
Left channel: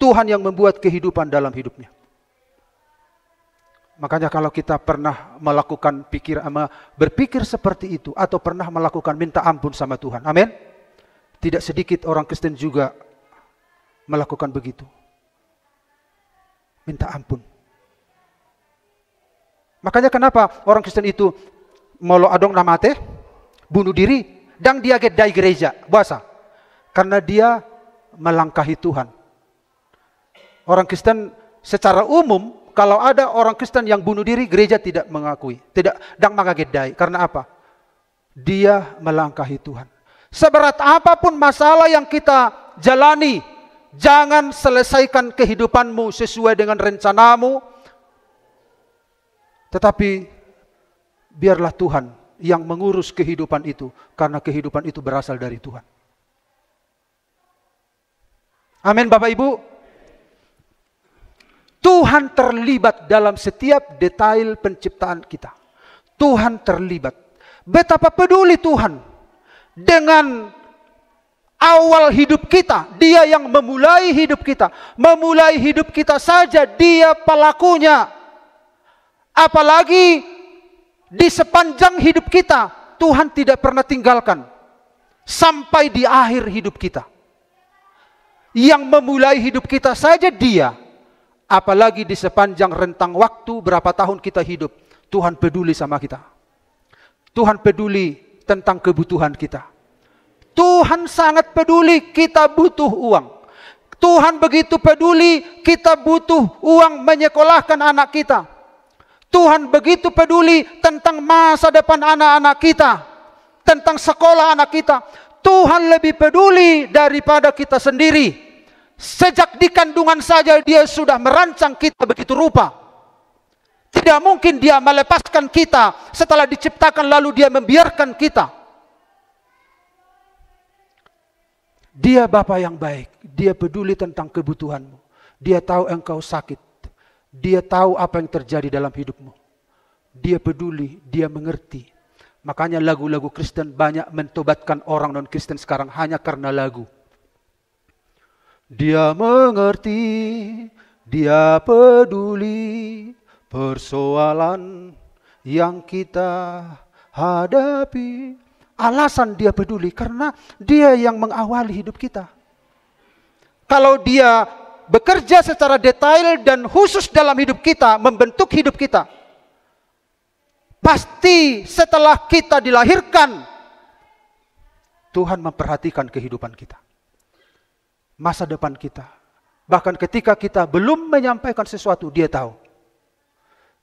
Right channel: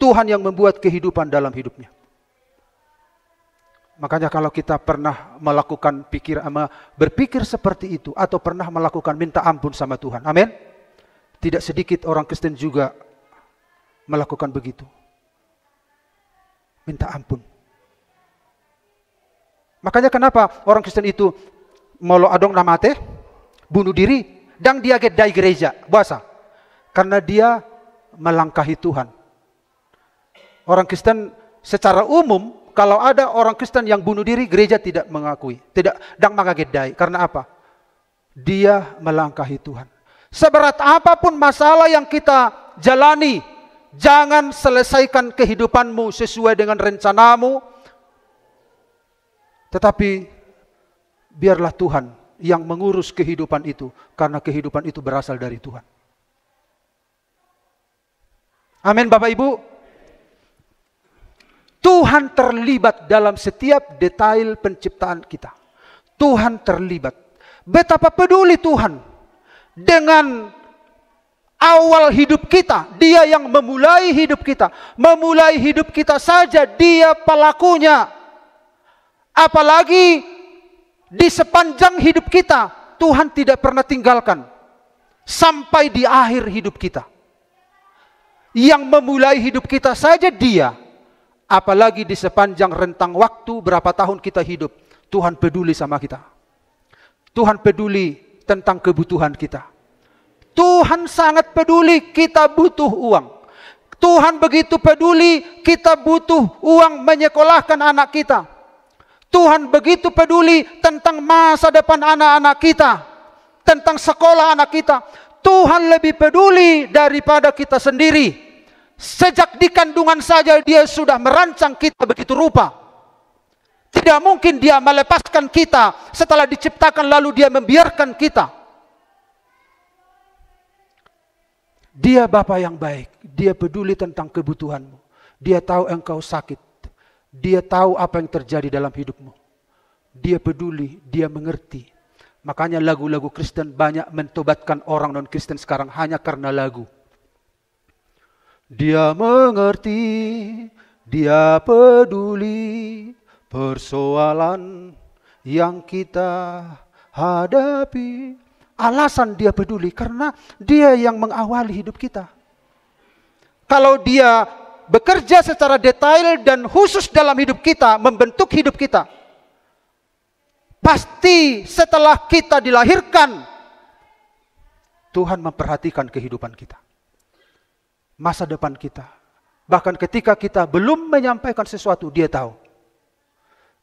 Tuhan yang membuat kehidupan dalam hidupnya. Makanya kalau kita pernah melakukan berpikir seperti itu. Atau pernah melakukan minta ampun sama Tuhan. Amin. Tidak sedikit orang Kristen juga melakukan begitu. Minta ampun. Makanya kenapa orang Kristen itu molo adong namate, bunuh diri, dan dia gedai gereja. Bahasa. Karena dia melangkahi Tuhan. Orang Kristen secara umum, kalau ada orang Kristen yang bunuh diri, gereja tidak mengakui. Tidak, dan mengagedai. Karena apa? Dia melangkahi Tuhan. Seberat apapun masalah yang kita jalani, jangan selesaikan kehidupanmu sesuai dengan rencanamu. Tetapi biarlah Tuhan yang mengurus kehidupan itu. Karena kehidupan itu berasal dari Tuhan. Amin Bapak Ibu. Tuhan terlibat dalam setiap detail penciptaan kita. Tuhan terlibat. Betapa peduli Tuhan dengan awal hidup kita. Dia yang memulai hidup kita. Memulai hidup kita saja dia pelakunya. Apalagi di sepanjang hidup kita, Tuhan tidak pernah tinggalkan. Sampai di akhir hidup kita. Yang memulai hidup kita saja dia. Apalagi di sepanjang rentang waktu berapa tahun kita hidup. Tuhan peduli sama kita. Tuhan peduli tentang kebutuhan kita. Tuhan sangat peduli kita butuh uang. Tuhan begitu peduli kita butuh uang menyekolahkan anak kita. Tuhan begitu peduli tentang masa depan anak-anak kita. Tentang sekolah anak kita. Tuhan lebih peduli daripada kita sendiri. Sejak di kandungan saja dia sudah merancang kita begitu rupa. Tidak mungkin dia melepaskan kita setelah diciptakan lalu dia membiarkan kita. Dia Bapa yang baik. Dia peduli tentang kebutuhanmu. Dia tahu engkau sakit. Dia tahu apa yang terjadi dalam hidupmu. Dia peduli, dia mengerti. Makanya lagu-lagu Kristen banyak mentobatkan orang non-Kristen sekarang hanya karena lagu. Dia mengerti, dia peduli persoalan yang kita hadapi. Alasan dia peduli karena dia yang mengawali hidup kita. Kalau dia bekerja secara detail dan khusus dalam hidup kita, membentuk hidup kita. Pasti setelah kita dilahirkan, Tuhan memperhatikan kehidupan kita. Masa depan kita. Bahkan ketika kita belum menyampaikan sesuatu, dia tahu.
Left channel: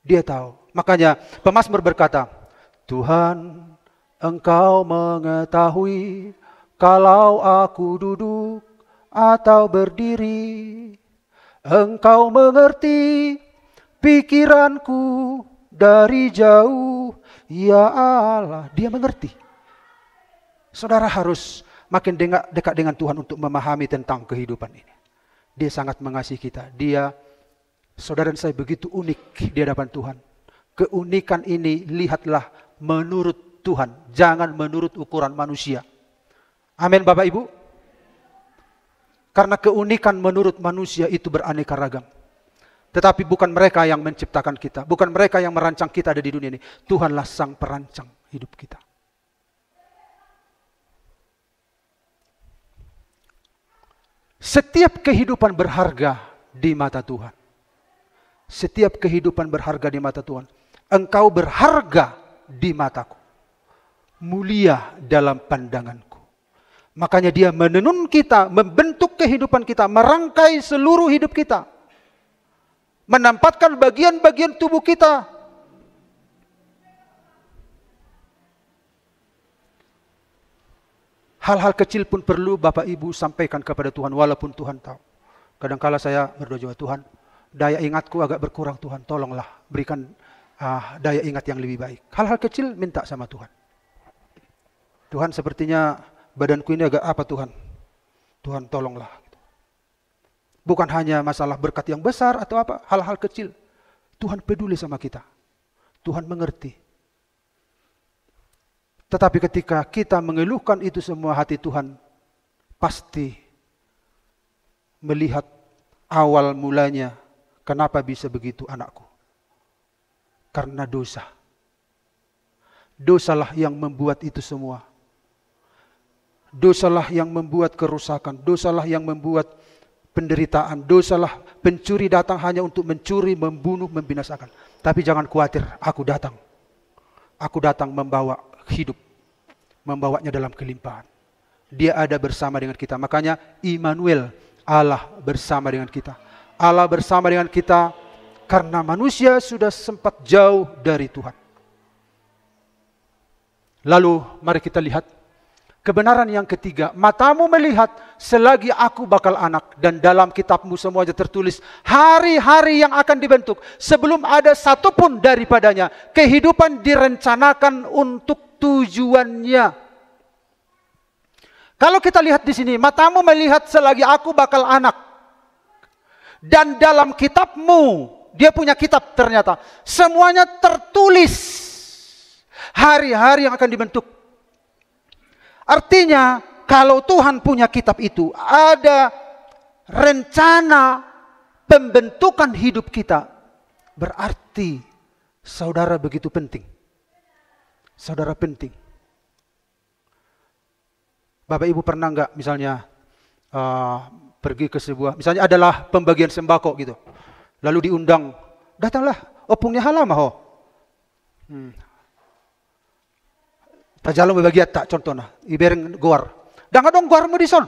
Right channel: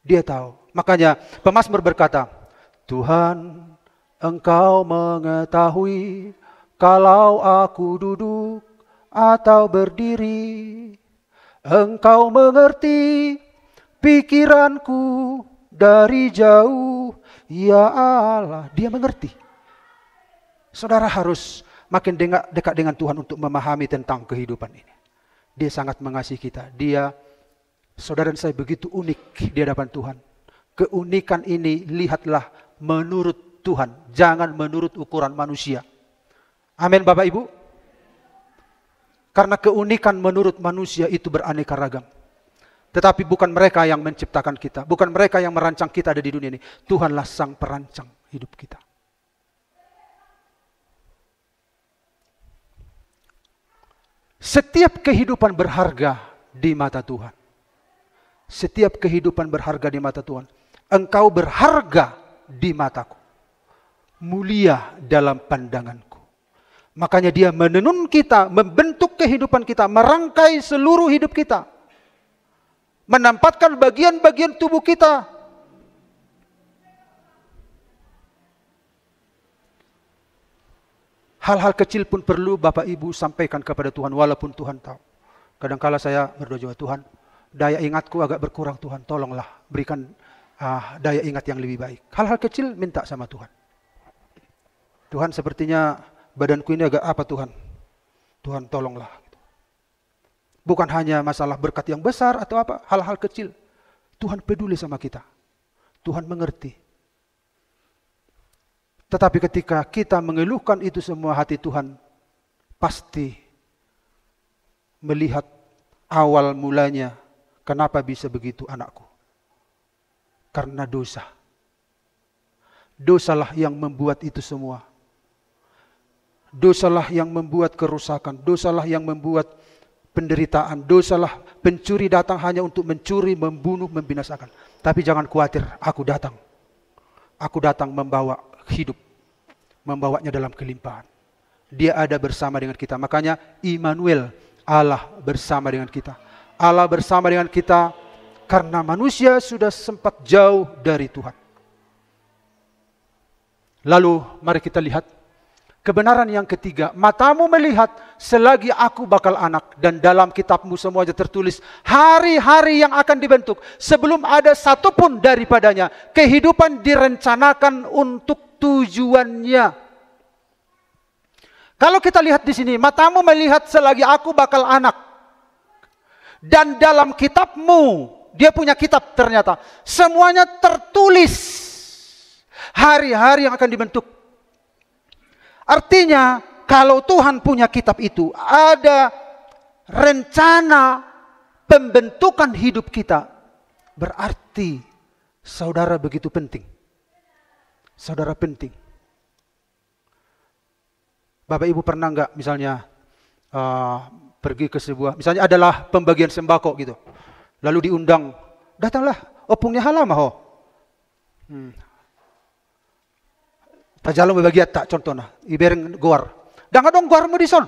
Dia tahu. Makanya pemazmur berkata, Tuhan, Engkau mengetahui kalau aku duduk atau berdiri. Engkau mengerti pikiranku dari jauh. Ya Allah, dia mengerti. Saudara harus makin dekat dengan Tuhan untuk memahami tentang kehidupan ini. Dia sangat mengasihi kita. Dia, saudara dan saya begitu unik di hadapan Tuhan. Keunikan ini lihatlah menurut Tuhan. Jangan menurut ukuran manusia. Amin Bapak Ibu. Karena keunikan menurut manusia itu beraneka ragam. Tetapi bukan mereka yang menciptakan kita. Bukan mereka yang merancang kita ada di dunia ini. Tuhanlah sang perancang hidup kita. Setiap kehidupan berharga di mata Tuhan. Setiap kehidupan berharga di mata Tuhan. Engkau berharga di mataku. Mulia dalam pandanganku. Makanya dia menenun kita, membentuk kehidupan kita, merangkai seluruh hidup kita. Menempatkan bagian-bagian tubuh kita. Hal-hal kecil pun perlu Bapak Ibu sampaikan kepada Tuhan walaupun Tuhan tahu. Kadangkala saya berdoa, Tuhan, daya ingatku agak berkurang, Tuhan tolonglah berikan daya ingat yang lebih baik. Hal-hal kecil minta sama Tuhan. Tuhan sepertinya badanku ini agak apa Tuhan? Tuhan tolonglah. Bukan hanya masalah berkat yang besar atau apa. Hal-hal kecil. Tuhan peduli sama kita. Tuhan mengerti. Tetapi ketika kita mengeluhkan itu semua, hati Tuhan pasti melihat awal mulanya. Kenapa bisa begitu anakku? Karena dosa. Dosalah yang membuat itu semua. Dosalah yang membuat kerusakan. Dosalah yang membuat penderitaan. Dosalah pencuri datang hanya untuk mencuri, membunuh, membinasakan. Tapi jangan khawatir, aku datang. Aku datang membawa hidup. Membawanya dalam kelimpahan. Dia ada bersama dengan kita. Makanya Immanuel, Allah bersama dengan kita. Allah bersama dengan kita karena manusia sudah sempat jauh dari Tuhan. Lalu mari kita lihat kebenaran yang ketiga. Matamu melihat selagi aku bakal anak. Dan dalam kitabmu semuanya tertulis hari-hari yang akan dibentuk. Sebelum ada satupun daripadanya. Kehidupan direncanakan untuk tujuannya. Kalau kita lihat di sini. Matamu melihat selagi aku bakal anak. Dan dalam kitabmu. Dia punya kitab ternyata. Semuanya tertulis. Hari-hari yang akan dibentuk. Artinya, kalau Tuhan punya kitab itu, ada rencana pembentukan hidup kita. Berarti, saudara begitu penting. Saudara penting. Bapak Ibu pernah nggak misalnya pergi ke sebuah, misalnya adalah pembagian sembako gitu. Lalu diundang, datanglah, opungnya halama ho. Tajalong berbagi tak contohnya, ibareng gor. Dah dong gor mo disor.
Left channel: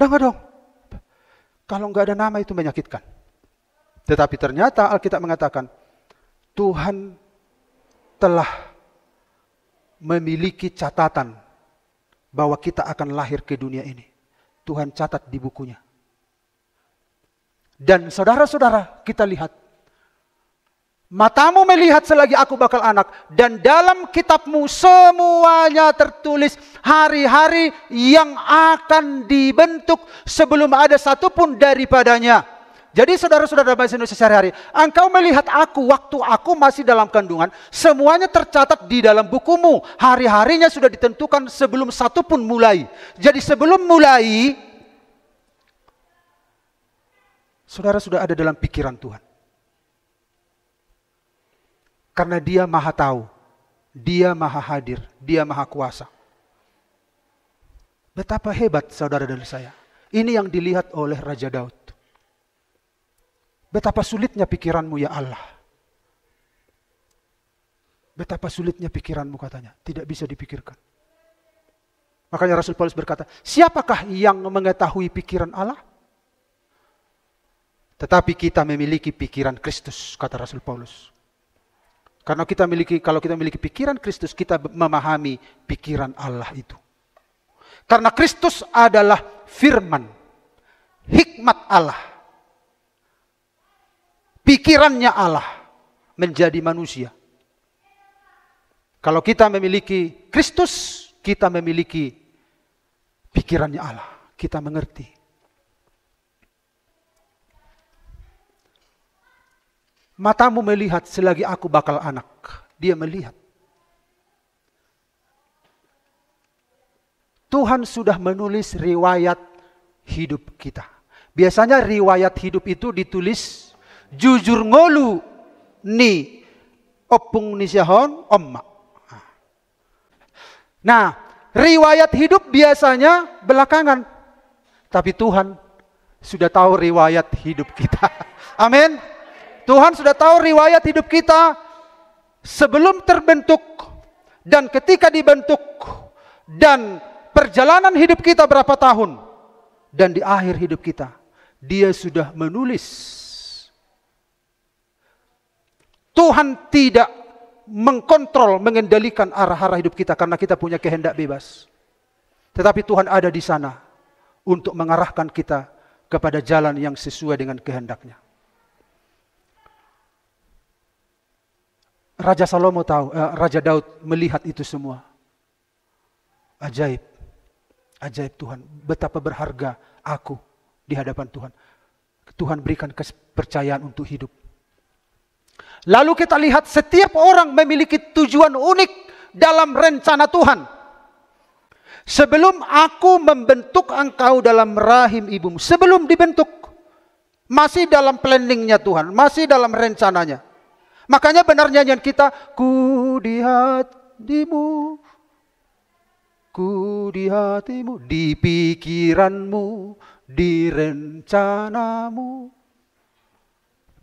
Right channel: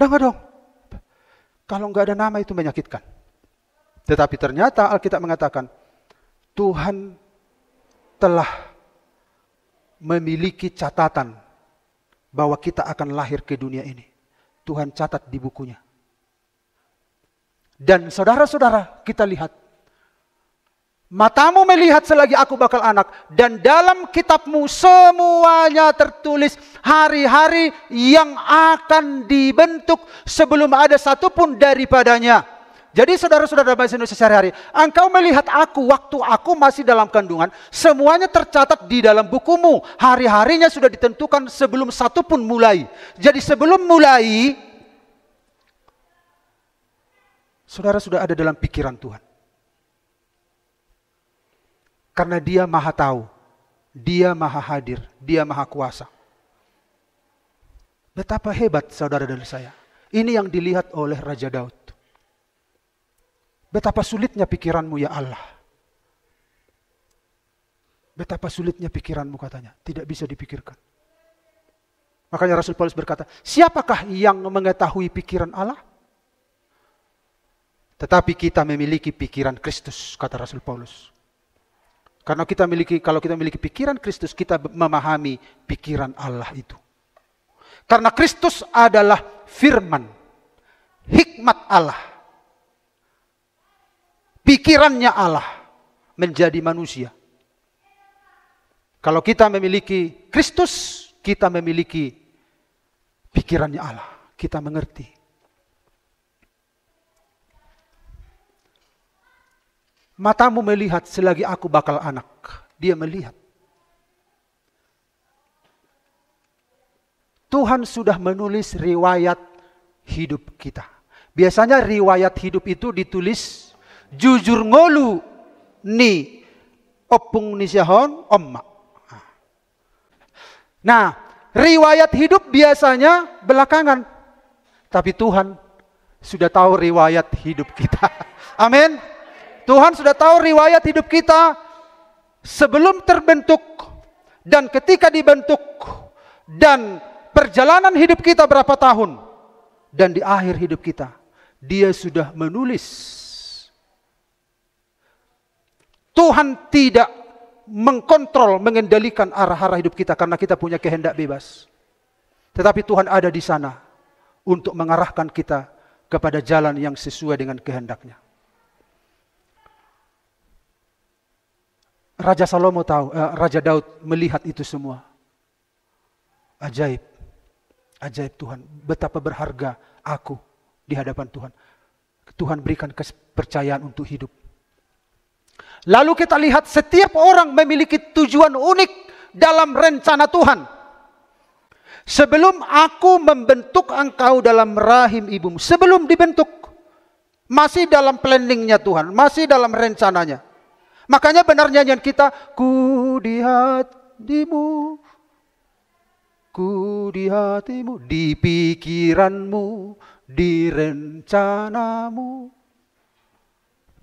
Dah dong. Kalau nggak ada nama itu menyakitkan. Tetapi ternyata Alkitab mengatakan Tuhan telah memiliki catatan bahwa kita akan lahir ke dunia ini. Tuhan catat di bukunya. Dan saudara-saudara, kita lihat. Matamu melihat selagi aku bakal anak. Dan dalam kitabmu semuanya tertulis hari-hari yang akan dibentuk sebelum ada satupun daripadanya. Jadi saudara-saudara bahasa Indonesia sehari-hari. Engkau melihat aku waktu aku masih dalam kandungan. Semuanya tercatat di dalam bukumu. Hari-harinya sudah ditentukan sebelum satupun mulai. Jadi sebelum mulai. Saudara sudah ada dalam pikiran Tuhan. Karena Dia Maha Tahu. Dia Maha Hadir. Dia Maha Kuasa. Betapa hebat saudara dan saya. Ini yang dilihat oleh Raja Daud. Betapa sulitnya pikiranmu ya Allah. Betapa sulitnya pikiranmu katanya. Tidak bisa dipikirkan. Makanya Rasul Paulus berkata, siapakah yang mengetahui pikiran Allah? Tetapi kita memiliki pikiran Kristus, kata Rasul Paulus. Karena kalau kita memiliki pikiran Kristus, kita memahami pikiran Allah itu. Karena Kristus adalah firman, hikmat Allah. Pikirannya Allah menjadi manusia. Kalau kita memiliki Kristus, kita memiliki pikirannya Allah. Kita mengerti. Matamu melihat selagi aku bakal anak. Dia melihat. Tuhan sudah menulis riwayat hidup kita. Biasanya riwayat hidup itu ditulis jujur ngolu ni opung ni sihon omma. Nah, riwayat hidup biasanya belakangan. Tapi Tuhan sudah tahu riwayat hidup kita. Amin. Tuhan sudah tahu riwayat hidup kita sebelum terbentuk dan ketika dibentuk dan perjalanan hidup kita berapa tahun dan di akhir hidup kita. Dia sudah menulis. Tuhan tidak mengkontrol, mengendalikan arah-arah hidup kita karena kita punya kehendak bebas. Tetapi Tuhan ada di sana untuk mengarahkan kita kepada jalan yang sesuai dengan kehendaknya. Raja Salomo tahu, Raja Daud melihat itu semua. Ajaib. Ajaib Tuhan. Betapa berharga aku di hadapan Tuhan. Tuhan berikan kepercayaan untuk hidup. Lalu kita lihat setiap orang memiliki tujuan unik dalam rencana Tuhan. Sebelum aku membentuk engkau dalam rahim ibumu. Sebelum dibentuk. Masih dalam planningnya Tuhan. Masih dalam rencananya. Makanya benar nyanyian kita. Ku di hatimu. Ku di hatimu. Di pikiranmu. Di rencanamu.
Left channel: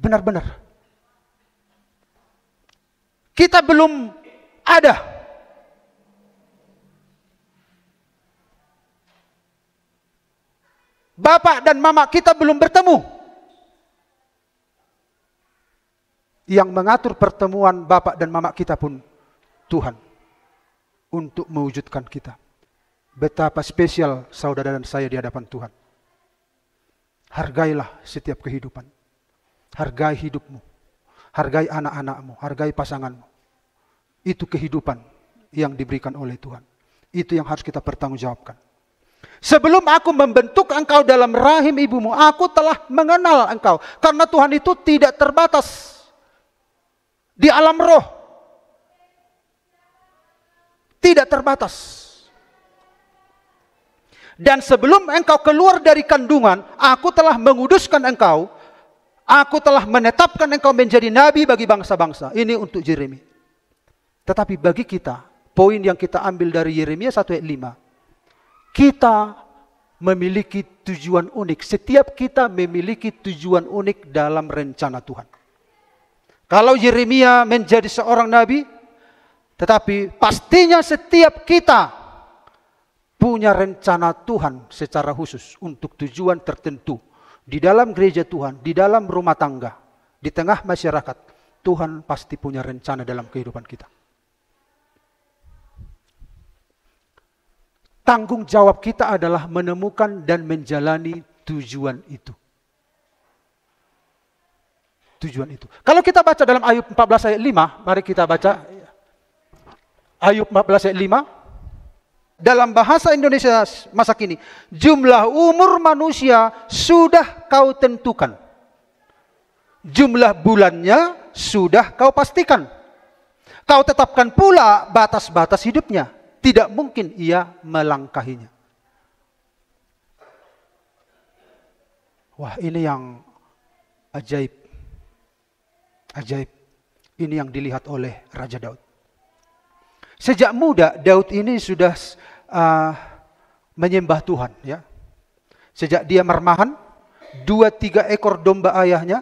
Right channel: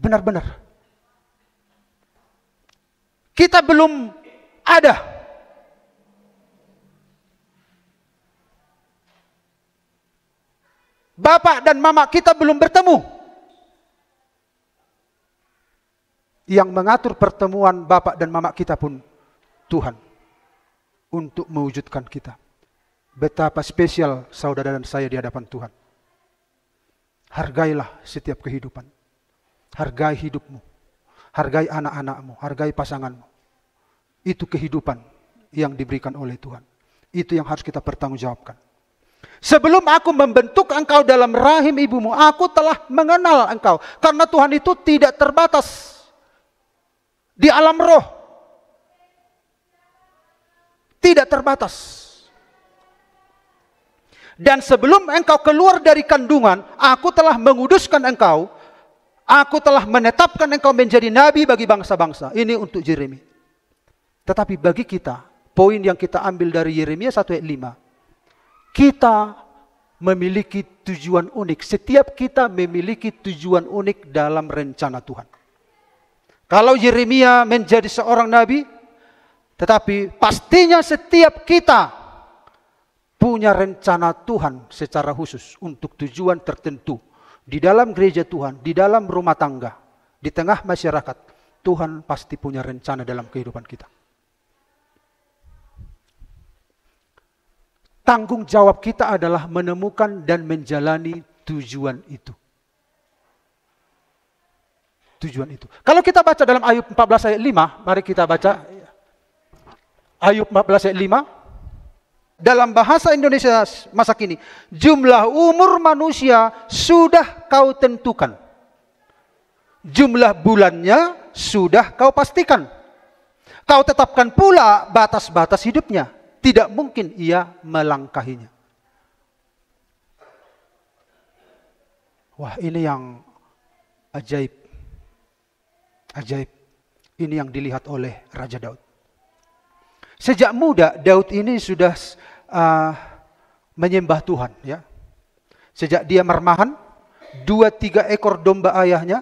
Benar-benar. Kita belum ada. Bapak dan mama kita belum bertemu. Yang mengatur pertemuan bapak dan mama kita pun Tuhan. Untuk mewujudkan kita. Betapa spesial saudara dan saya di hadapan Tuhan. Hargailah setiap kehidupan. Hargai hidupmu. Hargai anak-anakmu. Hargai pasanganmu. Itu kehidupan yang diberikan oleh Tuhan. Itu yang harus kita pertanggungjawabkan. Sebelum aku membentuk engkau dalam rahim ibumu, aku telah mengenal engkau. Karena Tuhan itu tidak terbatas. Di alam roh. Tidak terbatas. Dan sebelum engkau keluar dari kandungan, aku telah menguduskan engkau. Aku telah menetapkan engkau menjadi nabi bagi bangsa-bangsa. Ini untuk Yeremia. Tetapi bagi kita, poin yang kita ambil dari Yeremia 1 ayat 5. Kita memiliki tujuan unik. Setiap kita memiliki tujuan unik dalam rencana Tuhan. Kalau Yeremia menjadi seorang nabi, tetapi pastinya setiap kita punya rencana Tuhan secara khusus untuk tujuan tertentu. Di dalam gereja Tuhan, di dalam rumah tangga, di tengah masyarakat, Tuhan pasti punya rencana dalam kehidupan kita. Tanggung jawab kita adalah menemukan dan menjalani tujuan itu. Tujuan itu. Kalau kita baca dalam Ayub 14 ayat 5, mari kita baca. Ayub 14 ayat 5. Dalam bahasa Indonesia masa kini, jumlah umur manusia sudah kau tentukan. Jumlah bulannya sudah kau pastikan. Kau tetapkan pula batas-batas hidupnya. Tidak mungkin ia melangkahinya. Wah, ini yang ajaib. Ajaib. Ini yang dilihat oleh Raja Daud. Sejak muda Daud ini sudah menyembah Tuhan, ya. Sejak dia marmahan, 2-3 ekor domba ayahnya,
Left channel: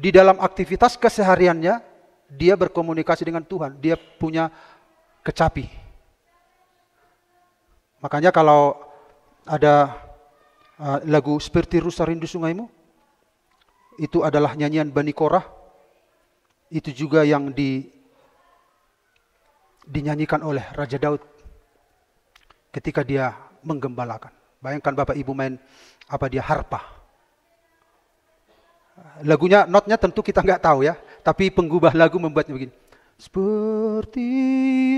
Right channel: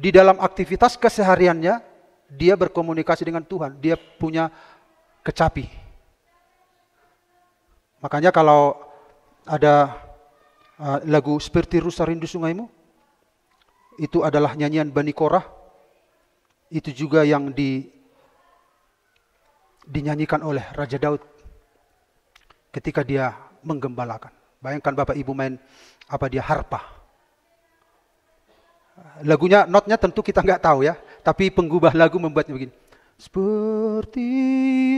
di dalam aktivitas kesehariannya, dia berkomunikasi dengan Tuhan. Dia punya kecapi. Makanya kalau ada lagu seperti Rusa Rindu Sungaimu, itu adalah nyanyian Bani Korah. Itu juga yang dinyanyikan oleh Raja Daud ketika dia menggembalakan. Bayangkan Bapak Ibu main harpa. Lagunya, notnya tentu kita nggak tahu ya, tapi penggubah lagu membuatnya begini. Seperti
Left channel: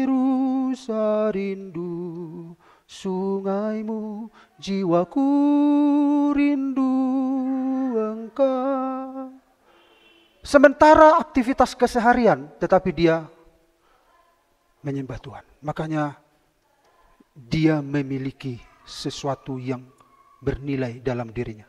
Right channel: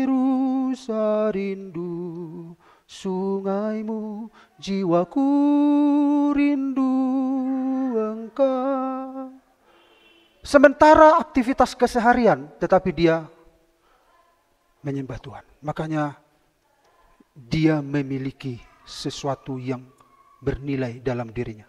rusa rindu sungaimu, jiwaku rindu engkau. Sementara aktivitas keseharian, tetapi dia menyembah Tuhan. Makanya dia memiliki sesuatu yang bernilai dalam dirinya.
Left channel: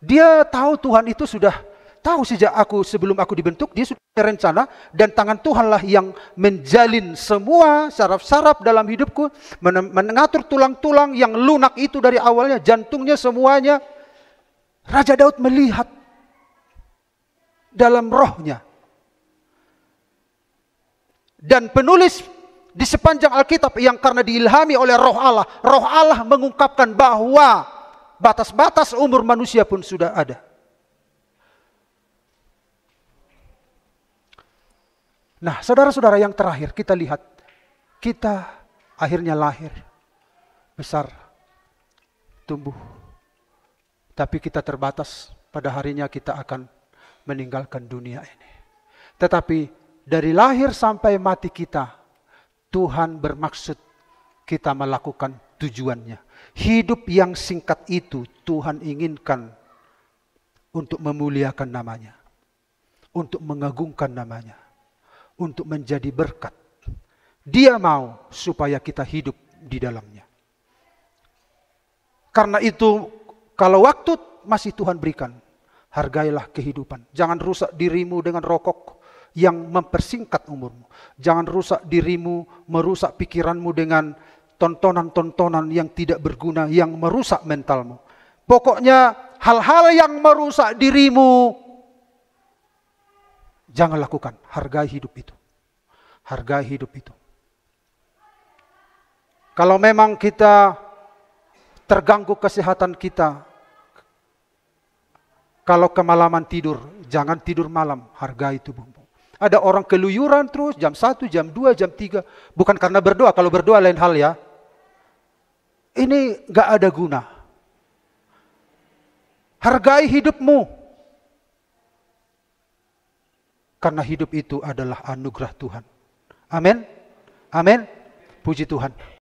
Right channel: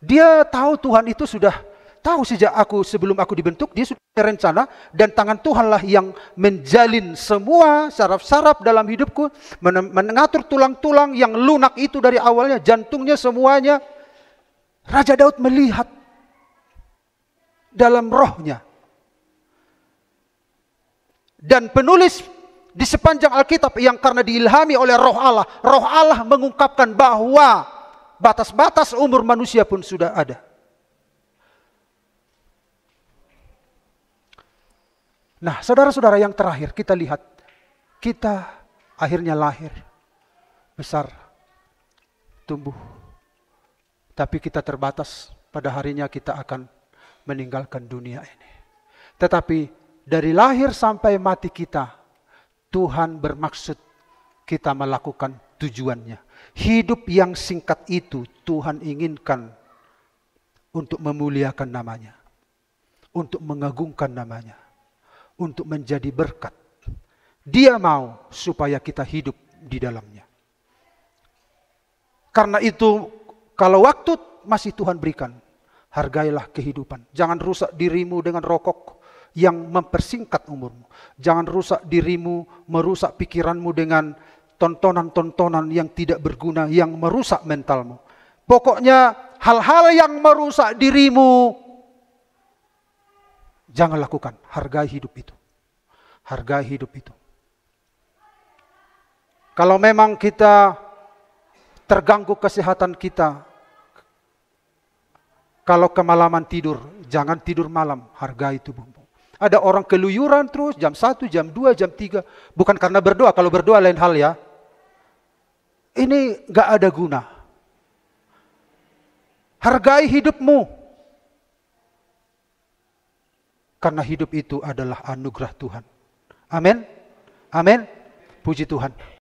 Dia tahu Tuhan itu sudah tahu sejak sebelum aku dibentuk, dia sudah berencana, dan tangan Tuhanlah yang menjalin semua saraf-saraf dalam hidupku, mengatur tulang-tulang yang lunak itu dari awalnya, jantungnya semuanya. Raja Daud melihat dalam rohnya. Dan penulis di sepanjang Alkitab yang karena diilhami oleh Roh Allah mengungkapkan bahwa batas-batas umur manusia pun sudah ada. Nah, saudara-saudara, yang terakhir kita lihat, kita akhirnya lahir, besar, tapi kita terbatas. Pada harinya kita akan meninggalkan dunia ini. Tetapi dari lahir sampai mati kita, Tuhan bermaksud kita melakukan tujuannya. Hidup yang singkat itu Tuhan inginkan untuk memuliakan namanya. untuk mengagungkan namanya, untuk menjadi berkat. Dia mau supaya kita hidup di dalamnya. Karena itu, kalau waktu masih Tuhan berikan, hargailah kehidupan. Jangan rusak dirimu dengan rokok yang mempersingkat umurmu. Jangan rusak dirimu, merusak pikiranmu dengan tontonan-tontonan yang tidak berguna, yang merusak mentalmu. Pokoknya hal-hal yang merusak dirimu, jangan lakukan. Hargai hidup itu. Hargai hidup itu. Kalau memang kita terganggu kesehatan kita, kalau kemalaman tidur, jangan tidur malam. Hargai tubuhmu. Ada orang keluyuran terus jam 1, jam 2, jam 3. Bukan karena berdoa. Kalau berdoa lain hal ya. Ini gak ada guna. Hargai hidupmu. Karena hidup itu adalah anugerah Tuhan. Amin. Amin. Puji Tuhan.